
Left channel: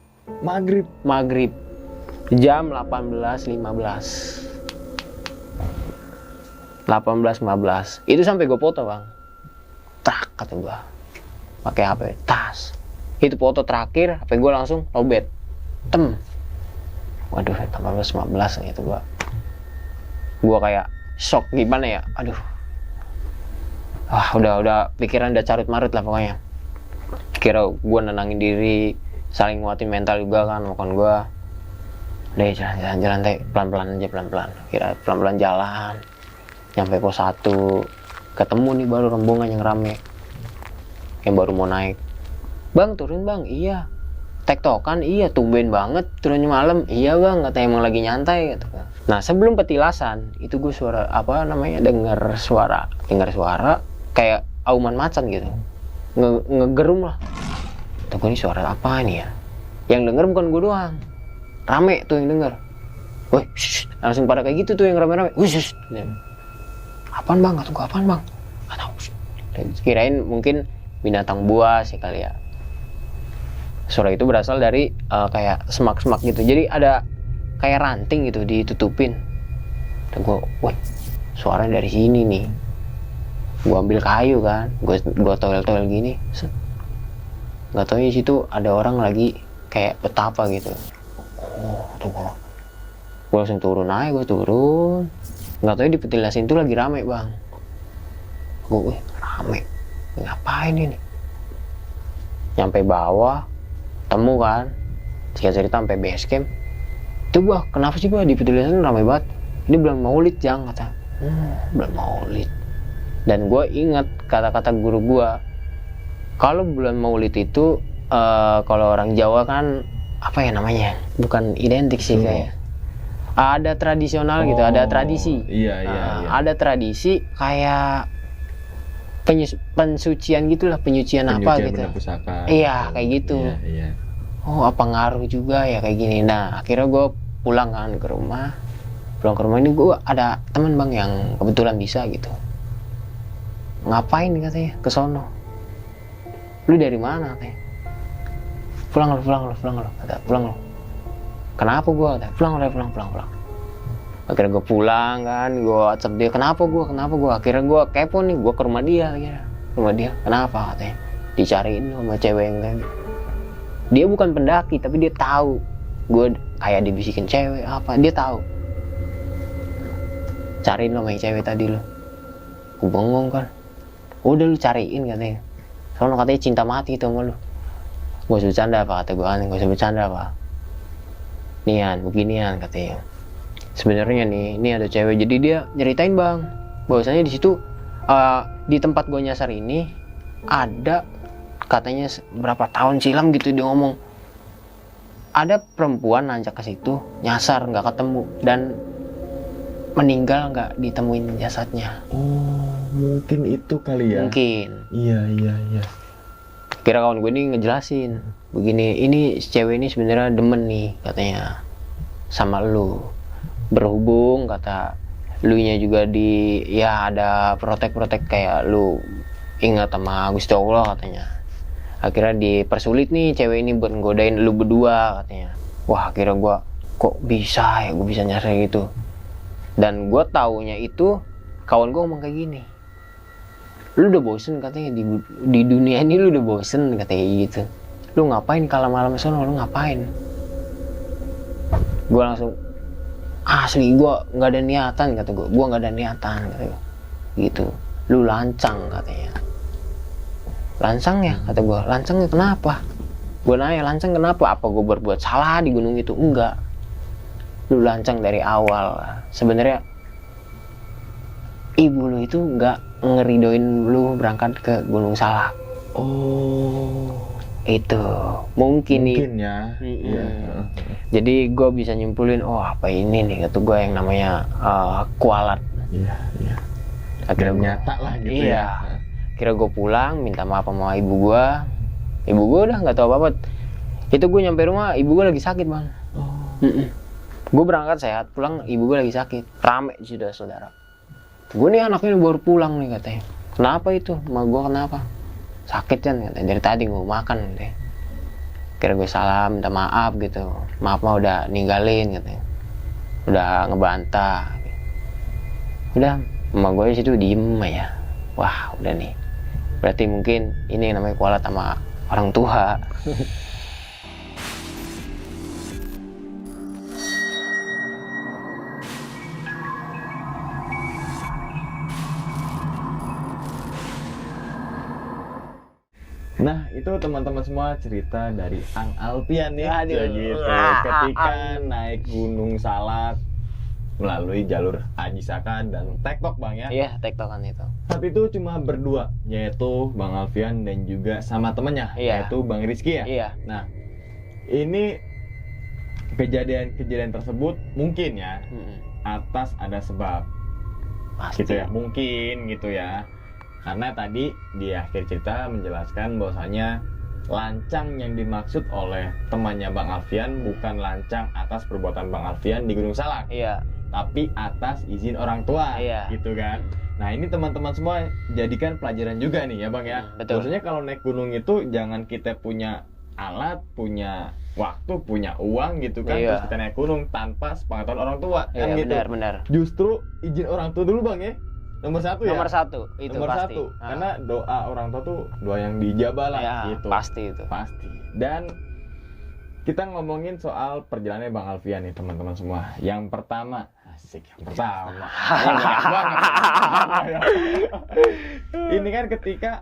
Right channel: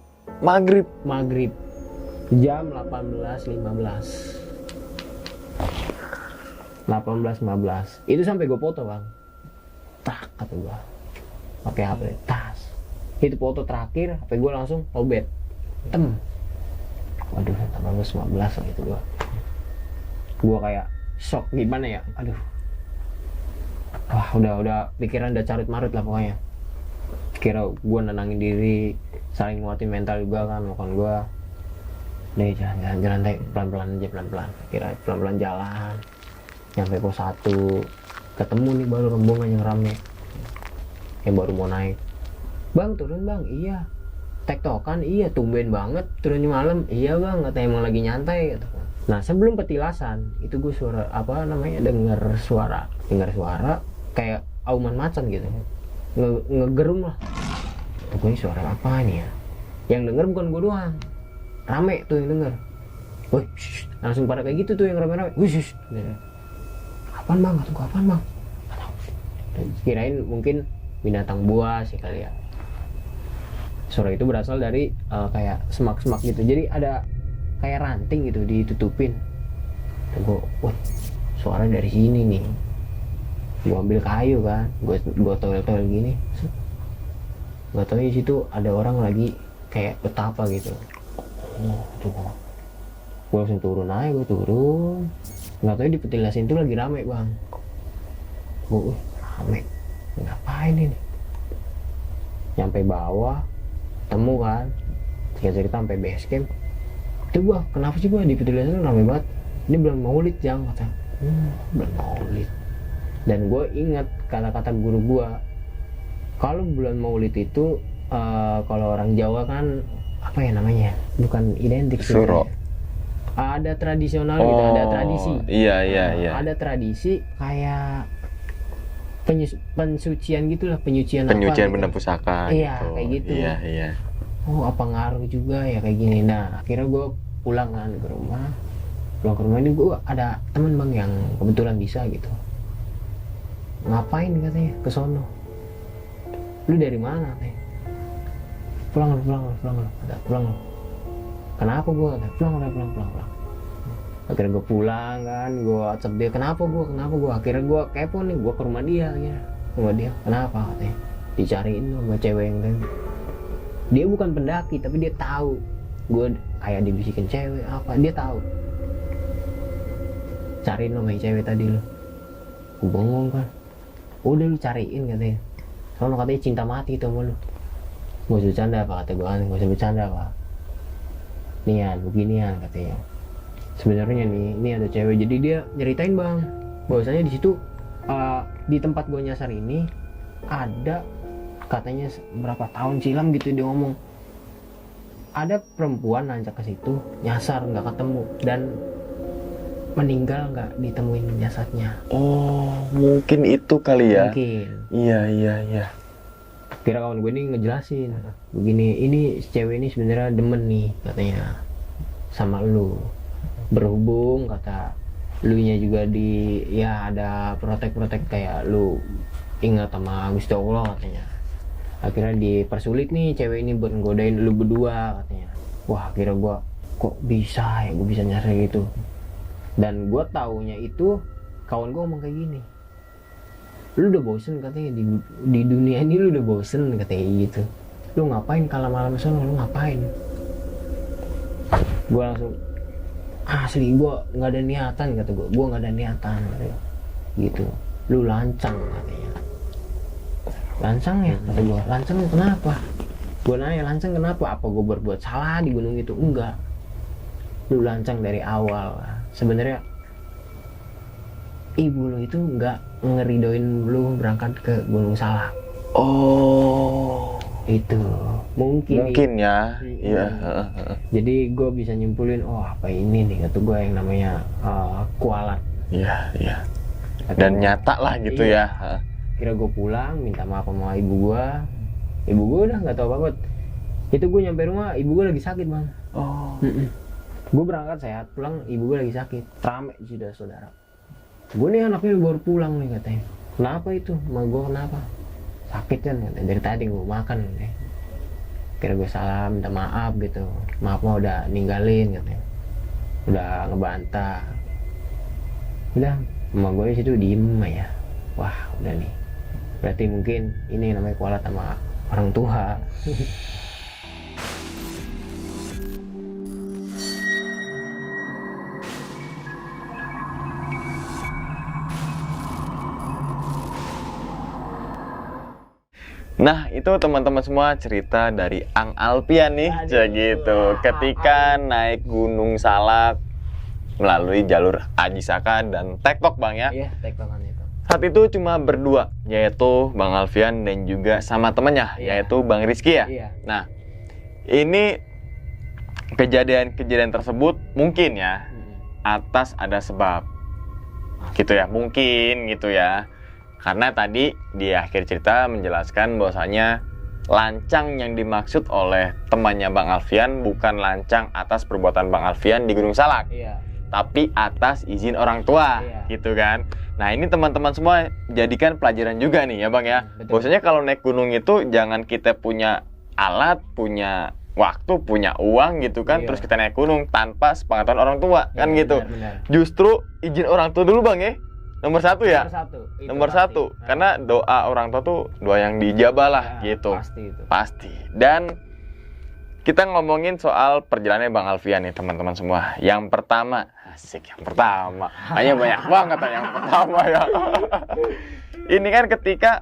Jam 18.15. Itu sampai gue foto bang. Tak kata gue, pakai HP tas. Itu foto terakhir, HP gue langsung lowbat. Waduh, 18.15 gitu gue. Gue kayak shock gimana ya. Aduh. Wah udah pikiran udah carut marut lah pokoknya. Kira gue nenangin diri, saling nguatin mental juga kan, makan gue. Deh jalan teh pelan-pelan aja. Kira pelan-pelan jalan. Nyampe pos 1. Ketemu nih baru rombongan yang rame. Yang baru mau naik. Bang, turun bang. Iya. Tektokan, iya. Tumben banget turunnya malam. Iya bang, katanya emang lagi nyantai gitu. Nah, sebelum petilasan, itu gue dengar suara kayak auman macan gitu. Ngegerum lah. Tuh gue ini suara apa nih ya? Yang denger bukan gue doang. Rame tuh yang denger. Woi, langsung pada kayak gitu tuh yang rame-rame. Apaan bang? Kata gue apaan bang? Gak tau. Kirain mungkin binatang buas ya kali ya. Suara itu berasal dari kayak semak-semak gitu. Jadi ada kayak ranting gitu ditutupin. Tuh gue, woi, suaranya dari sini nih. Gue ambil kayu kan, gue toel gini. Gak tau di situ ada orang lagi kayak betapa gitu. Tuh gue langsung turun aja, nggak tahu di petilasan itu lagi rame bang. Gue rame, ngapain ini? Nyampe bawah, temu kan, cerita sampai base camp. Itu gue, kenapa sih gue di petilasan rame banget? Ini bulan Maulid Jang kata. Bulan Maulid. Dan gue ingat kata-kata guru gue, kalau bulan Maulid itu kalau orang Jawa kan apa ya namanya? Bukan identik sih. Ada tradisional gitu, ada tradisi. Iya. Ada tradisi kayak pensucian gitulah, penyucian apa gitu. Penyucian benda pusaka. Iya, kayak gitu. Iya. Oh, apa ngaruh juga ya kayak gini. Nah, akhirnya gue pulang ke rumah ini gue ada teman bang yang kebetulan bisa gitu. Ngapain katanya ke sono? Lu dari mana katanya? Pulang lo. Kenapa gua? Pulang. Akhirnya gue pulang kan, gue WhatsApp dia, kenapa gue, akhirnya gue kepo nih, gue ke rumah dia akhirnya. Rumah dia, kenapa katanya, dicariin sama cewek yang kayak gitu. Dia bukan pendaki tapi dia tahu gue kayak dibisikin cewek apa, dia tahu. Cariin lo sama yang cewek tadi lo. Gue bengong kan, udah lu cariin katanya, soalnya katanya cinta mati itu sama lu. Gak usah bercanda apa, kata gue kan, gak usah bercanda apa, nian beginian katanya. Sebenarnya nih, ini ada cewek, jadi dia nyeritain bang, bahwasanya di situ di tempat gue nyasar ini ada katanya berapa tahun silam gitu, dia ngomong ada perempuan nanjak ke situ, nyasar nggak ketemu dan meninggal nggak ditemuin jasadnya. Oh, mungkin itu kali ya. Mungkin. Iya. Kira kawan gue ini ngejelasin, begini, ini si cewek ini sebenarnya demen nih katanya sama lu. Berhubung kata lu nya juga di ya ada protek kayak lu ingat sama Gusti Allah katanya. Akhirnya dipersulit nih cewek ini buat nggodain lu berdua katanya. Wah, akhirnya gua kok bisa ya gue bisa nyasar gitu. Dan gua taunya itu kawan gua ngomong kayak gini, lu udah bosen katanya di dunia ini, lu udah bosen katanya gitu. Lu ngapain kalau malam sono, lu ngapain? Gua langsung asli gue nggak ada niatan, kata gue nggak ada niatan gitu. Lu lancang katanya. Lancang ya, kata gue. Lancang kenapa? Gue nanya, lancang kenapa? Apa gue berbuat salah di gunung itu? Enggak. Lu lancang dari awal. Sebenarnya ibu lu itu nggak ngeridoin lu berangkat ke Gunung Salak. Oh, itu mungkin ya. Iya. Jadi gue bisa nyimpulin, oh apa ini nih, kata gue yang namanya kualat. Iya. Dan nyata lah gitu ya. Kira gue pulang minta maaf sama ibu gue udah nggak tahu apa-apa. Itu gue nyampe rumah, ibu gue lagi sakit bang. Oh. Gue berangkat sehat, pulang ibu gue lagi sakit, rame sudah saudara. Gue nih anaknya baru pulang nih katanya. Kenapa itu? Ma gue kenapa? Sakit kan katanya, dari tadi gue makan katanya. Kira gue salam, minta maaf gitu. Maaf mah udah ninggalin katanya, udah ngebantah. Udah, emak gue di situ diem ya. Wah udah nih, berarti mungkin ini yang namanya kualat sama orang tua. Nah, itu teman-teman semua cerita dari Ang Alfian nih. Gitu. Ketika naik Gunung Salak melalui jalur Aji Saka dan Tektok bang ya. Iya, tektokan itu. Saat itu cuma berdua, yaitu Bang Alfian dan juga sama temannya, yaitu Bang Rizky ya. Iya. Nah, ini kejadian tersebut mungkin ya atas ada sebab. Gitu ya, mungkin gitu ya. Karena tadi di akhir cerita menjelaskan bahwasanya lancang yang dimaksud oleh temannya Bang Alfian bukan lancang atas perbuatan Bang Alfian di Gunung Salak. Iya. Tapi atas izin orang tua, gitu kan. Nah, ini teman-teman semua jadikan pelajaran juga nih ya Bang ya. Bahwasanya kalau naik gunung itu jangan kita punya alat, punya waktu, punya uang gitu kan, terus kita naik gunung tanpa sepengetahuan orang tua, kan gitu. Benar. Justru izin orang tua dulu Bang ya. Nomor satu ya. Nomor satu. Karena doa orang tua tuh doa yang dijabah lah gitu. Pasti itu. Pasti. Dan kita ngomongin soal perjalanannya Bang Alfian nih teman-teman semua. Yang pertama, asik yang pertama. Kayaknya banyak banget yang pertama ya. Ini kan ketika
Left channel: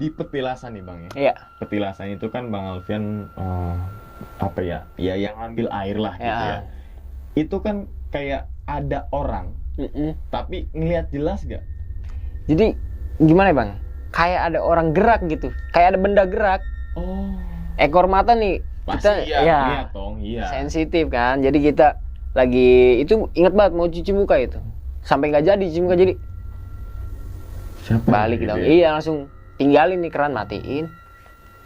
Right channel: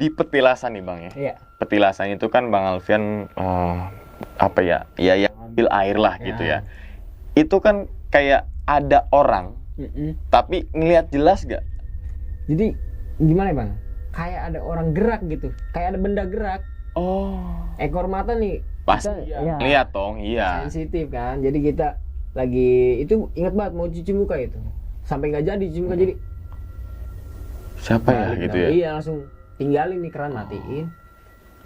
di petilasan nih Bang ya. Iya. Petilasan itu kan Bang Alfian apa ya? Ya yang ambil air lah gitu ya. Itu kan kayak ada orang. Tapi ngelihat jelas gak? Jadi gimana bang? Kayak ada orang gerak gitu, kayak ada benda gerak. Oh. Ekor mata nih. Pasti kita, ya. Lihat dong, iya. Sensitif kan. Jadi kita lagi itu ingat banget mau cuci muka itu, sampai nggak jadi cuci muka jadi. Siapa balik ya, gitu ya? Iya langsung tinggalin nih keran, matiin.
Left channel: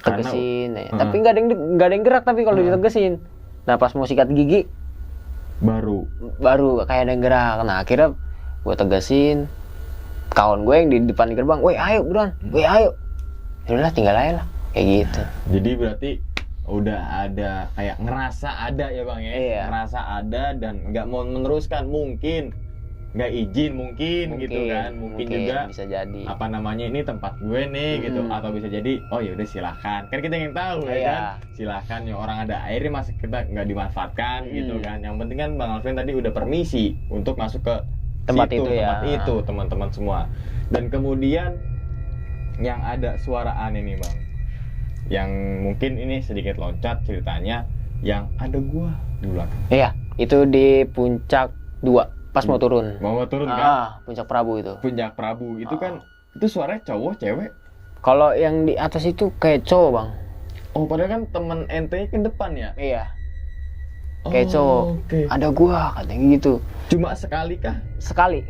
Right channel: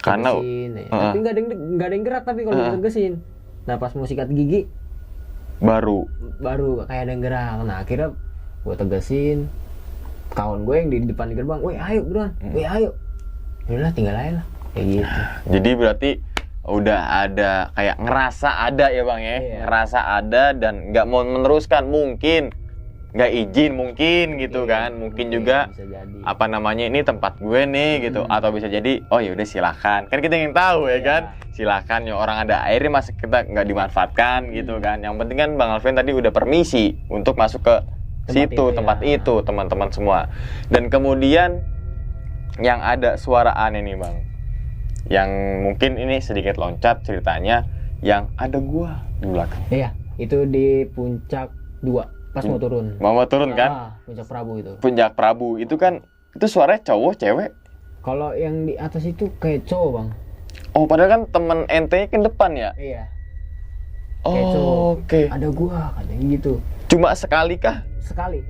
Karena tegesin, tapi nggak ada yang gerak tapi kalau ditegesin. Nah pas mau sikat gigi baru kayak ada yang gerak. Nah akhirnya gue tegesin, kawan gue yang di depan gerbang, woi ayo buruan, woi ayo. Yaudah tinggal aja lah kayak gitu. Jadi berarti udah ada kayak ngerasa ada ya Bang ya, Iya. ngerasa ada dan nggak mau meneruskan, mungkin nggak izin mungkin gitu kan, mungkin juga bisa jadi. apa namanya ini tempat gue nih gitu, atau bisa jadi oh ya udah silakan, kan kita ingin tahu ya Iya. kan, silakan ya orang ada airnya masih kita nggak dimanfaatkan gitu kan, yang penting kan Bang Alvin tadi udah permisi untuk masuk ke Tempat situ, itu ya. tempat itu teman-teman semua, dan kemudian yang ada suara aneh nih Bang, yang mungkin ini sedikit loncat ceritanya, yang ada gua di belakang. Iya, itu di puncak 2 pas mau turun. Mau turun kan? Puncak Prabu itu. Puncak Prabu itu kan, itu suaranya cowok, cewek? Kalau yang di atas itu kayak cowok, Bang. Oh, padahal kan temen ente ke depan ya? Iya. Oh, Kayak cowok. oke. Ada gua katanya gitu. Cuma sekali kah? Sekali.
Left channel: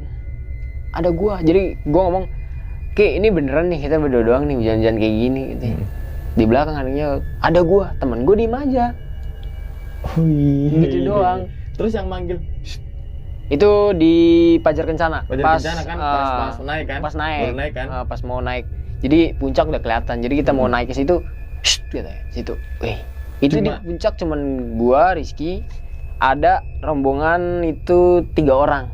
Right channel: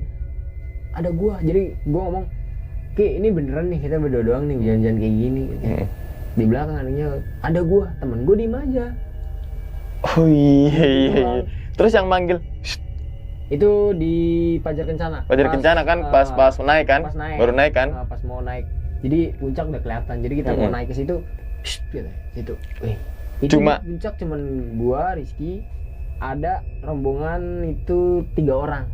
Ada gua. Jadi gua ngomong, "Ki, ini beneran nih kita berdua doang nih hujan-hujan kayak gini." Gitu. Di belakang adanya ada gua, temen gua diem aja. Oh iya, Gitu doang. Terus yang manggil, Itu di Pajar Kencana. Pajar Kencana kan, pas naik kan? Pas naik. Baru naik kan? Pas mau naik. Jadi puncak udah kelihatan. Jadi kita mau naik ke situ, gitu. Situ. Wih. Itu di puncak cuman gua, Rizky, ada rombongan itu 3 orang.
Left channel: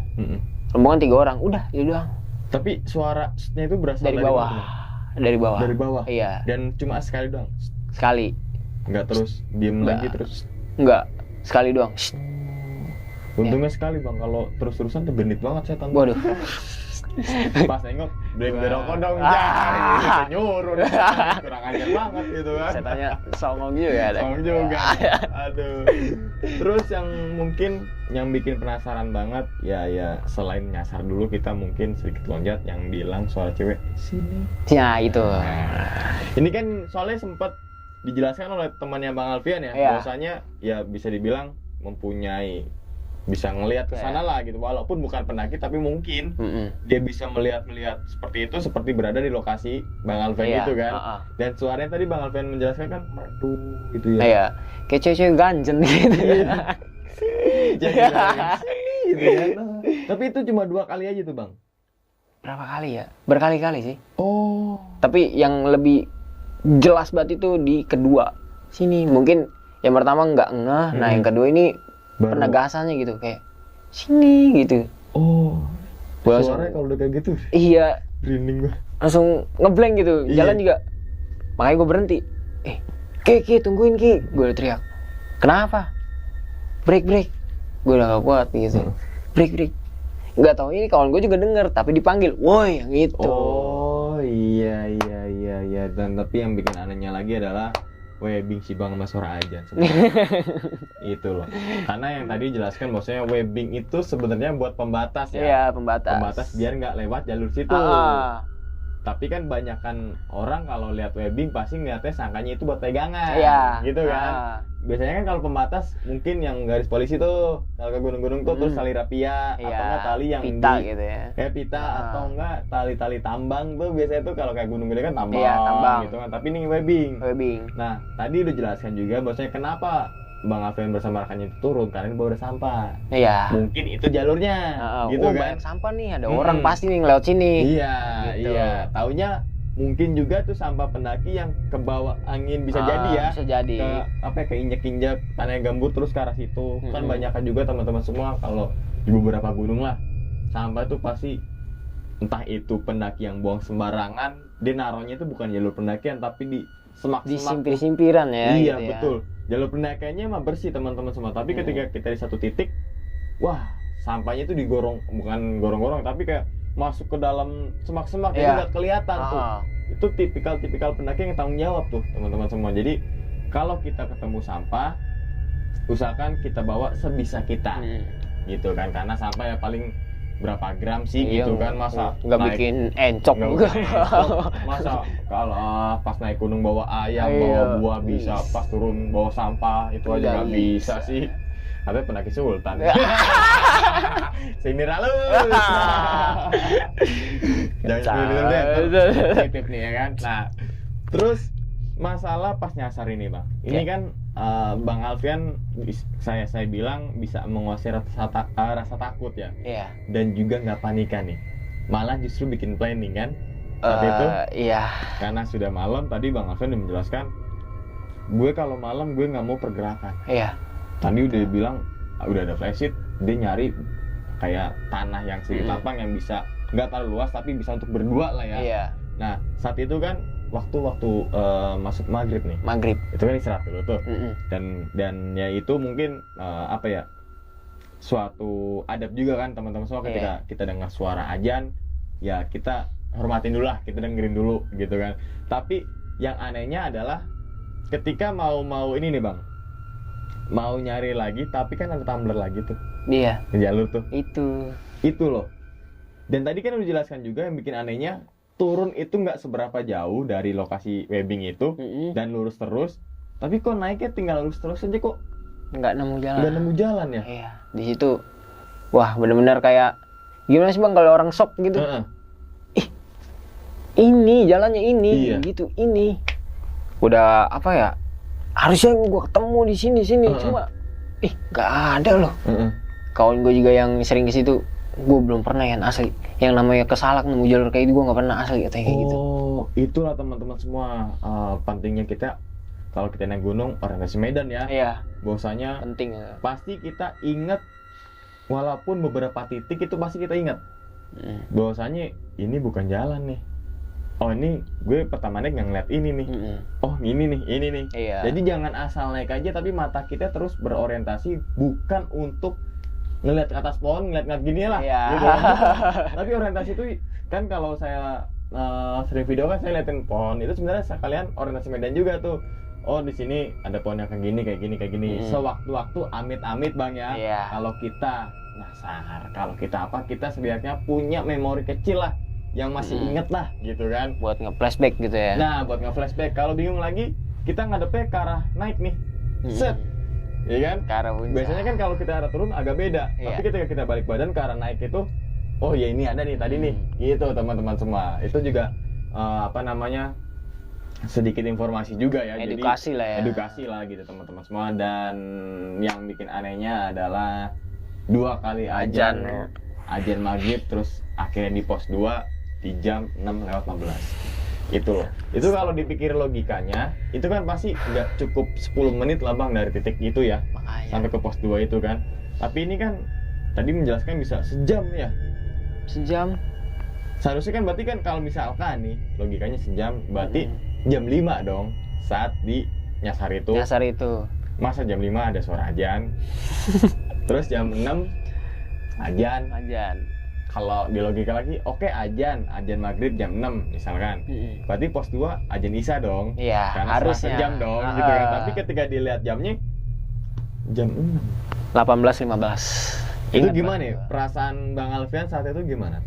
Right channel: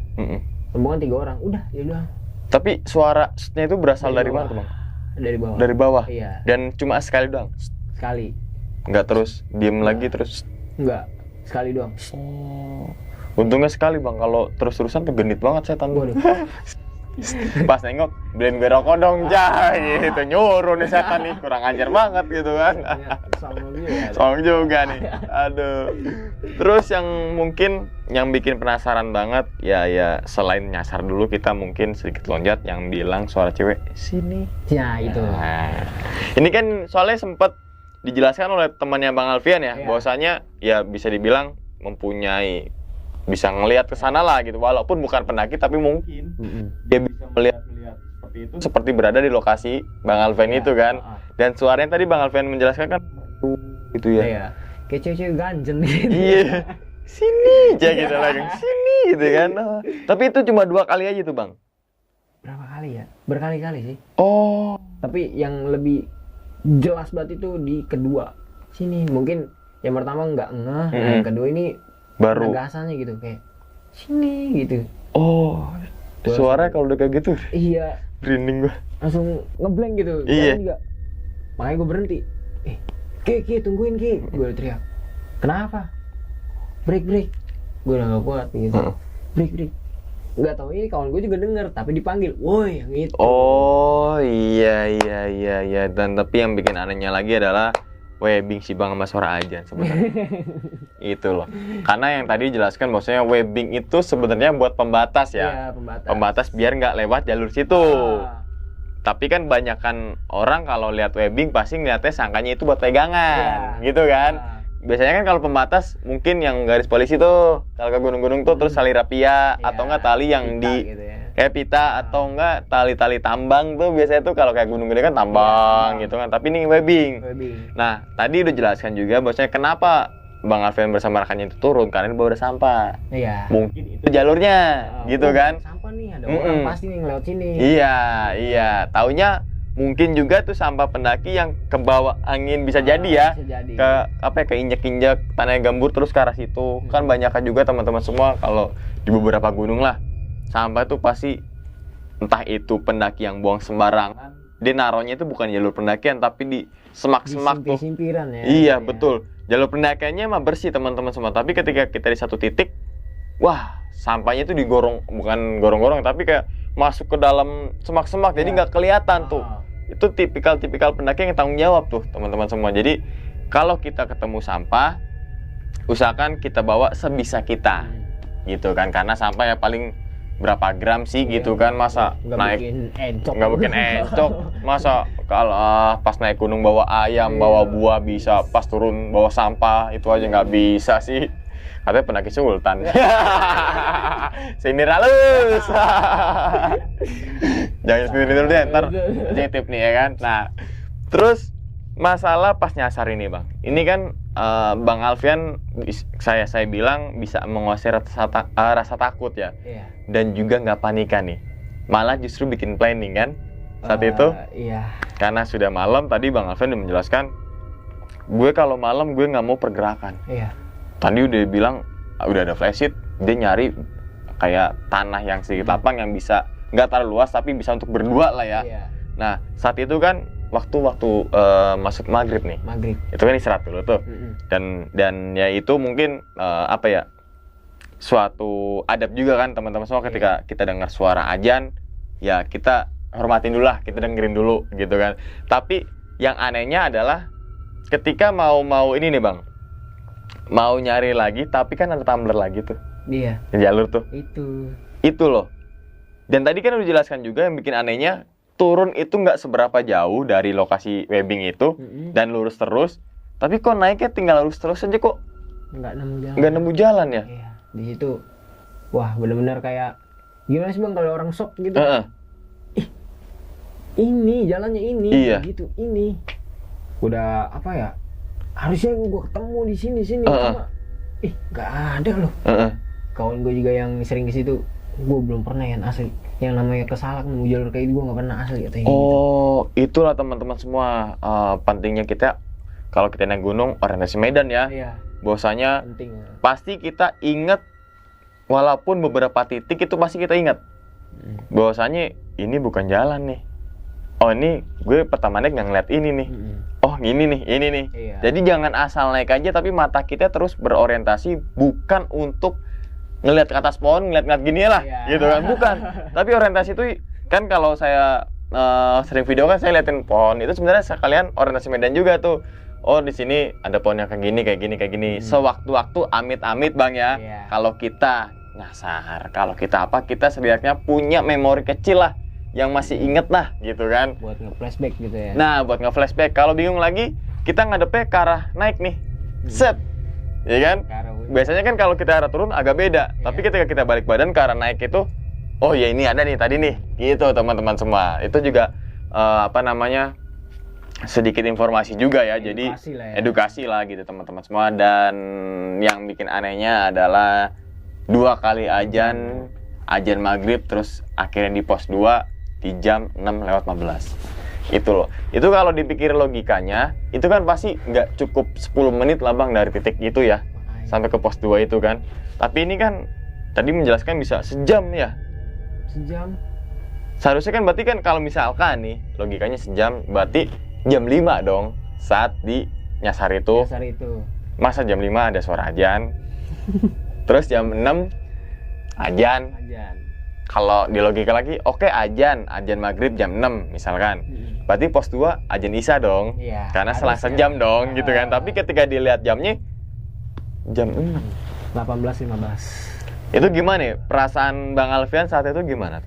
Rombongan 3 orang. Udah, itu doang. Tapi suaranya itu berasal dari bawah. mana, Bang? Dari bawah. Dari bawah? Iya. Dan cuma sekali doang? Sekali. Nggak terus, diem lagi terus? Enggak. Sekali doang. Untungnya sekali Bang, kalau terus-terusan tuh genit banget setan. Waduh. Pas nengok, beliin gue rokok dong, Jai. Itu nyuruh nih setan nih, kurang ajar banget gitu kan. Setannya songong juga ada. Songong juga nih, aduh. Terus yang mungkin yang bikin penasaran banget, ya selain nyasar dulu, kita mungkin sedikit loncat yang bilang suara cewek, sini. Ya, itu. Nah, ini kan soalnya sempat dijelaskan oleh temannya Bang Alfian ya, bahwasanya ya bisa dibilang mempunyai, bisa ngelihat ke sana lah gitu, walaupun bukan pendaki tapi mungkin dia bisa melihat seperti itu, seperti berada di lokasi Bang Alfian itu kan. Dan suaranya tadi Bang Alfian menjelaskan kan merdu gitu ya. Iya. Kayak cewek-cewek ganjen gitu. Iya. Sini aja gitu kan. Sini gitu kan. Tapi itu cuma 2 kali aja tuh Bang. Berapa kali ya? Berkali-kali sih. Oh. Tapi yang lebih jelas banget itu di kedua. Sini mungkin yang pertama nggak ngeh, nah yang kedua ini Baru penegasannya gitu kayak sini gitu. Oh. Suaranya kalau udah kayak gitu. Iya. Merinding gua. Langsung ngeblank gitu. Jalan juga. Makanya gue berhenti. Ki, tungguin Ki. Gue udah teriak. Kenapa? Break. Gue udah gak kuat gitu. Break. Gak tau ini kawan gue juga denger, tapi dipanggil. Woi, yang itu. Oh iya. Dan tapi yang bikin anehnya lagi adalah webbing si Bang sama suara ajan sebenarnya. Itu loh. Karena yang tadi jelaskan maksudnya webbing itu sebenarnya buat pembatas ya. Iya, pembatas. Pembatas biar nggak lewat jalur situ. Tapi kan banyakan orang kalau lihat webbing pasti ngeliatnya sangkanya itu buat pegangan. Gitu kan. Biasanya kan kalau pembatas mungkin yang garis polisi tuh kalau ke gunung-gunung tuh terus tali rapia atau enggak tali yang pita di gitu ya. kayak pita atau enggak tali-tali tambang tuh biasanya tuh kalau kayak gunung gede kan tambang gitu kan, tapi ini webbing. Nah tadi udah jelaskan juga bahwasanya kenapa Bang Alfian bersama rekannya itu turun karena ini bawa sampah. Iya. Mungkin itu jalurnya gitu kan. Sampah nih, ada orang pasti nih ngelewat sini. Iya. Taunya mungkin juga tuh sampah pendaki yang kebawa angin bisa jadi ya. Bisa jadi. Ke injek-injek tanah yang gambur terus ke arah situ. Kan banyak juga teman-teman semua kalau di beberapa gunung lah sampah itu pasti entah itu pendaki yang buang sembarangan, dia naruhnya itu bukan jalur pendakian tapi di semak-semak di simpiran ya. Iya gitu betul. Jalur pendakiannya mah bersih teman-teman semua. Tapi ketika kita di satu titik, wah sampahnya itu digorong, bukan gorong-gorong tapi kayak masuk ke dalam semak-semak, jadi nggak kelihatan tuh. Itu tipikal pendaki yang tanggung jawab tuh teman-teman semua. Jadi kalau kita ketemu sampah, usahakan kita bawa sebisa kita, gitu kan. Karena sampah ya paling berapa gram sih gitu kan, masa nggak naik bikin encok. Masa kalau pas naik gunung bawa ayam, bawa buah bisa, pas turun bawa sampah itu aja nggak bisa sih. Katanya pendaki sultan. Sini ralus. Jangan sendiri dulu deh, ntar titip nih ya kan. Nah, terus masalah pas nyasar ini Bang. Ini kan Bang Alfian saya bilang bisa menguasai rasa takut ya. Dan juga nggak panikan nih. Malah justru bikin planning kan saat itu. Iya. Karena sudah malam tadi Bang Alfian udah menjelaskan gue kalau malam gue nggak mau pergerakan. Iya. Tadi udah bilang udah ada flashlight, dia nyari kayak tanah yang sedikit lapang yang bisa nggak terlalu luas tapi bisa untuk berdua lah ya. Iya. Nah saat itu kan waktu masuk maghrib nih, Maghrib. itu kan istirahat dulu tuh. Dan ya itu mungkin apa ya, suatu adab juga kan teman-teman semua ketika kita dengar suara azan ya kita hormatin dulu lah, kita dengerin dulu gitu kan. Tapi yang anehnya adalah ketika mau ini nih bang, mau nyari lagi tapi kan ada tumbler lagi tuh. Iya. Di jalur tuh. Itu loh. Dan tadi kan udah dijelaskan juga yang bikin anehnya, turun itu nggak seberapa jauh dari lokasi webbing itu dan lurus terus. Tapi kok naiknya tinggal lurus terus aja kok Nggak nemu jalan. nggak nemu jalan ya? Iya. Di situ, wah benar-benar kayak gimana sih bang kalau orang shock gitu. Ih, ini jalannya ini, Iya. gitu ini. Udah apa ya? Harusnya gua ketemu di sini cuma, nggak ada loh. Kawan gue juga yang sering di situ, gue belum pernah yang asli. Yang namanya kesalak nemu jalur kayak itu gue nggak pernah asli kayak gitu. Oh, itulah teman-teman semua pentingnya kita kalau kita naik gunung orientasi medan ya. Iya. Bahwasanya Penting. pasti kita ingat, walaupun beberapa titik itu pasti kita ingat bahwasanya ini bukan jalan nih. Oh ini gue pertama naik nggak ngeliat ini nih. Oh ini nih. Iya. Jadi jangan asal naik aja tapi mata kita terus berorientasi bukan untuk ngeliat ke atas pohon, ngeliat gini lah, gitu kan, bukan. Tapi orientasi itu kan kalau saya sering video kan saya liatin pohon itu sebenarnya sekalian orientasi medan juga tuh. Oh di sini ada pohon yang kayak gini. Sewaktu-waktu amit-amit bang ya. Iya. Kalau kita nyasar, kalau kita apa, kita setidaknya punya memori kecil lah yang masih inget lah, gitu kan. Buat nge-flashback gitu ya. Nah buat nge-flashback. Kalau bingung lagi, kita ngadepnya ke arah naik nih, set. Ya kan? Biasanya kan kalau kita arah turun agak beda, tapi ketika kita balik badan ke arah naik itu, oh ya ini ada nih tadi nih, gitu teman-teman semua. Itu juga sedikit informasi juga ya, Edukasi jadi lah ya. edukasi lah gitu teman-teman semua. Dan yang bikin anehnya adalah 2 kali azan maghrib terus akhirnya di pos 2 di jam 6:15. Itu loh. Itu kalau dipikir logikanya, itu kan pasti nggak cukup 10 menit lah bang dari titik itu ya. Makanya. Sampai ke pos 2 itu kan. Tapi ini kan tadi menjelaskan bisa sejam ya. Sejam. Seharusnya kan berarti kan kalau misalkan nih logikanya sejam, berarti jam 5 dong saat di nyasar itu. Masa jam 5 ada suara azan. Terus jam 6 azan. Kalau di logika lagi, oke azan maghrib jam 6 misalkan. Berarti pos 2 azan isya dong. Iya, karena setelah harusnya. sejam dong gitu kan. Tapi ketika dilihat jamnya jam 6. 18:15. Itu gimana ya? Perasaan Bang Alfian saat itu gimana?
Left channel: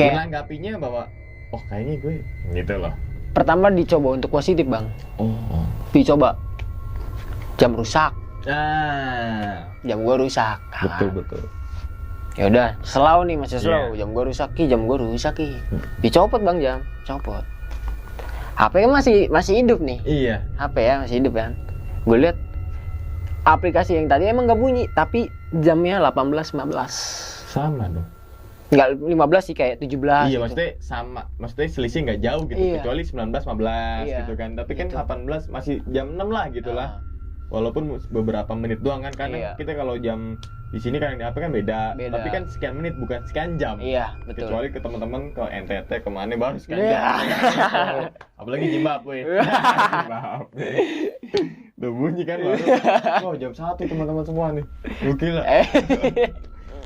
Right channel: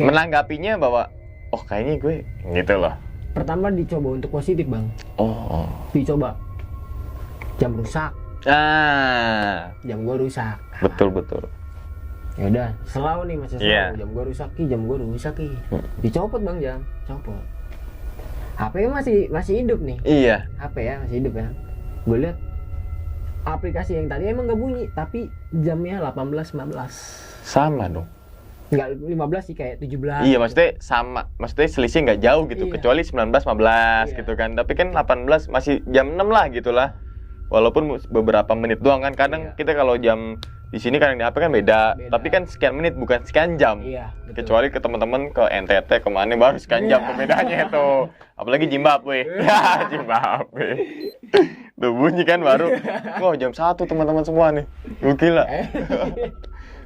Menanggapinya bahwa oh kayaknya gue gitu loh. Pertama dicoba untuk positif bang. Oh. Dicoba. Jam rusak. Jam gua rusak. Betul. Ya udah, selau nih masih selau. Yeah. Jam gua rusak ki. Dicopot bang jam, copot. HP kan masih hidup nih. Iya. HP ya masih hidup kan. Gue lihat aplikasi yang tadi emang nggak bunyi, tapi jamnya 18:15. Sama dong. Nggak 15 sih, kayak 17. Iya, maksudnya sama. Maksudnya selisih nggak jauh gitu, Iya. kecuali 19:15 Iya. gitu kan. Tapi kan 18 masih jam 6 lah gitu lah. Walaupun beberapa menit doang kan. Kadang Iya. kita kalau jam di sini kadang di HP kan beda. Tapi kan sekian menit bukan sekian jam. Iya, betul. Kecuali ke teman-teman ke NTT kemana baru sekian jam perbedaannya tuh. Apalagi Zimbabwe. Zimbabwe. Tuh bunyi kan baru. Wah, jam 1 teman-teman semua nih. Gokil lah.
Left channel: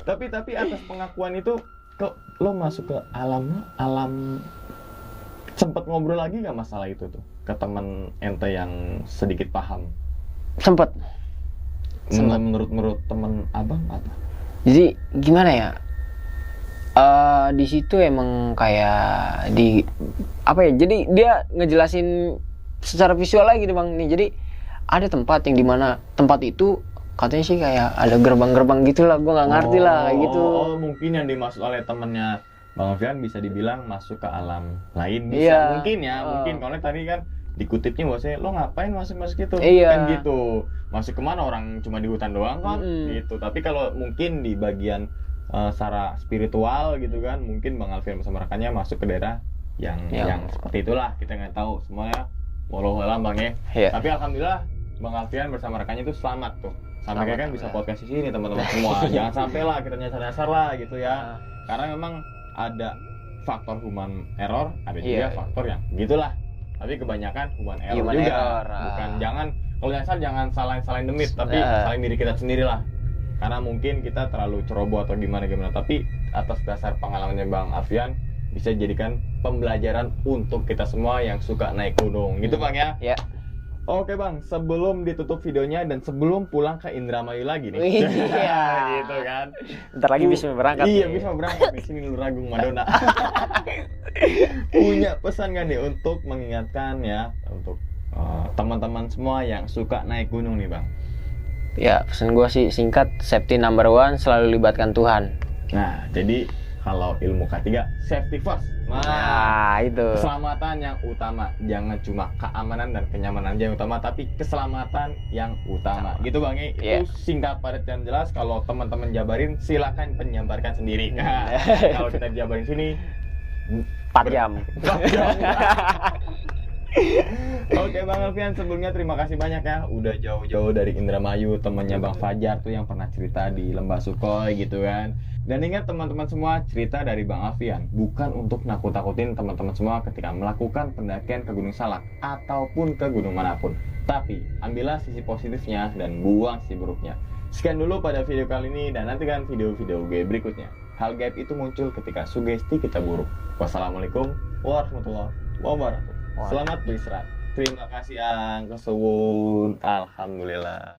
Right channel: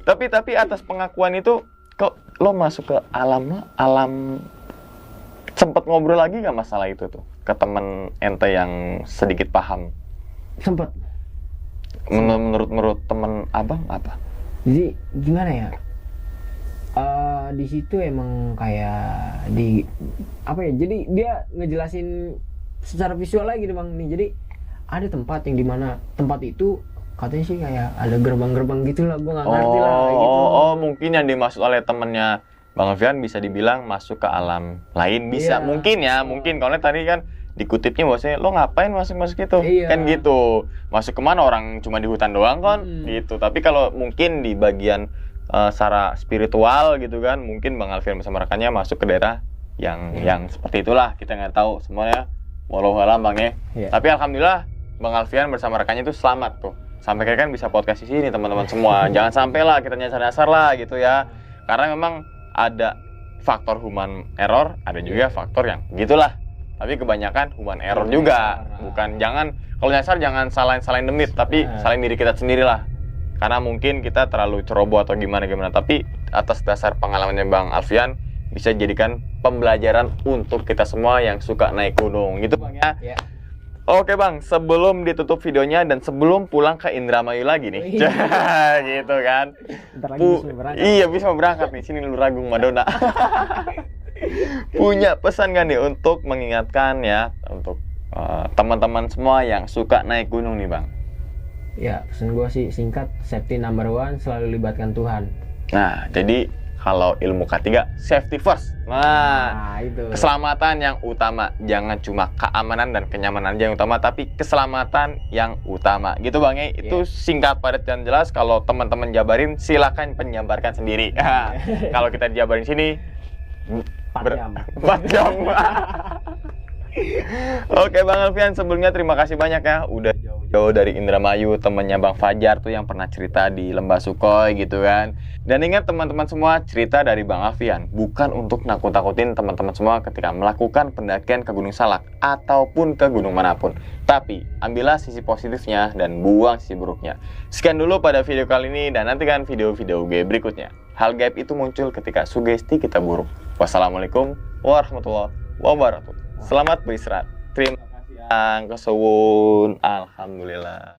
Tapi atas pengakuan itu kok lo masuk ke alam sempet ngobrol lagi nggak masalah itu tuh ke temen ente yang sedikit paham? Sempet. Menurut temen abang apa? Jadi gimana ya? Di situ emang kayak jadi dia ngejelasin secara visual lagi gitu bang nih. Jadi ada tempat yang dimana tempat itu katanya sih kayak ada gerbang-gerbang gitulah, gue nggak ngerti lah gitu. Oh, mungkin yang dimaksud oleh temennya Bang Alfian bisa dibilang masuk ke alam lain, bisa. Iya. Mungkin ya, mungkin kalau tadi kan dikutipnya bahwasanya lo ngapain masuk itu, Iya. kan gitu. Masuk kemana, orang cuma di hutan doang kan, gitu. Tapi kalau mungkin di bagian secara spiritual gitu kan, mungkin Bang Alfian bersama rekannya masuk ke daerah yang seperti itulah, kita nggak tahu semuanya. walau alam Bang ya. Iya. Tapi alhamdulillah Bang Alfian bersama rekannya itu selamat tuh. Sampai kayak kan bisa podcast di sini teman-teman semua. Jangan sampai lah kita nyasar-nyasar lah gitu ya. Karena memang ada faktor human error, ada juga faktor yang gitulah. Tapi kebanyakan human error juga. Bukan jangan kalau nyasar jangan salahin demit, tapi salahin diri kita sendiri lah. Karena mungkin kita terlalu ceroboh atau gimana. Tapi atas dasar pengalamannya Bang Alfian bisa jadikan pembelajaran untuk kita semua yang suka naik gunung. Gitu Bang ya. Ya. Oke Bang, sebelum ditutup videonya dan sebelum pulang ke Indramayu lagi nih. Gitu kan. Ntar lagi bisa berangkat. Iya, bisa berangkat nih. Sini Luragung Madonna. Punya pesan kan nih untuk mengingatkan ya untuk teman-teman semua yang suka naik gunung nih Bang. Ya, pesan gue sih singkat, safety number one, selalu libatkan Tuhan. Nah, jadi kalau ilmu K3, safety first. Nah, itu. Keselamatan yang utama. Jangan cuma keamanan dan kenyamanan aja yang utama, tapi keselamatan yang utama. Gitu Bang ya. Itu singkat, padat, dan jelas. Kalau teman-teman jabarin, silakan penjabarkan sendiri. Kalau kita jabarin sini 4 jam. 4 jam. Oke Bang Alfian, sebelumnya terima kasih banyak ya udah jauh-jauh dari Indramayu, temennya Bang Fajar tuh yang pernah cerita di Lembah Sukhoi gitu kan. Dan ingat teman-teman semua, cerita dari Bang Alfian bukan untuk nakut-nakutin teman-teman semua ketika melakukan pendakian ke Gunung Salak ataupun ke gunung manapun. Tapi ambillah sisi positifnya dan buang sisi buruknya. Sekian dulu pada video kali ini dan nantikan video-video gue berikutnya. Hal gaib itu muncul ketika sugesti kita buruk. Wassalamualaikum warahmatullahi wabarakatuh. Selamat beristirahat. Terima kasih Ang Kesuwun. Alhamdulillah.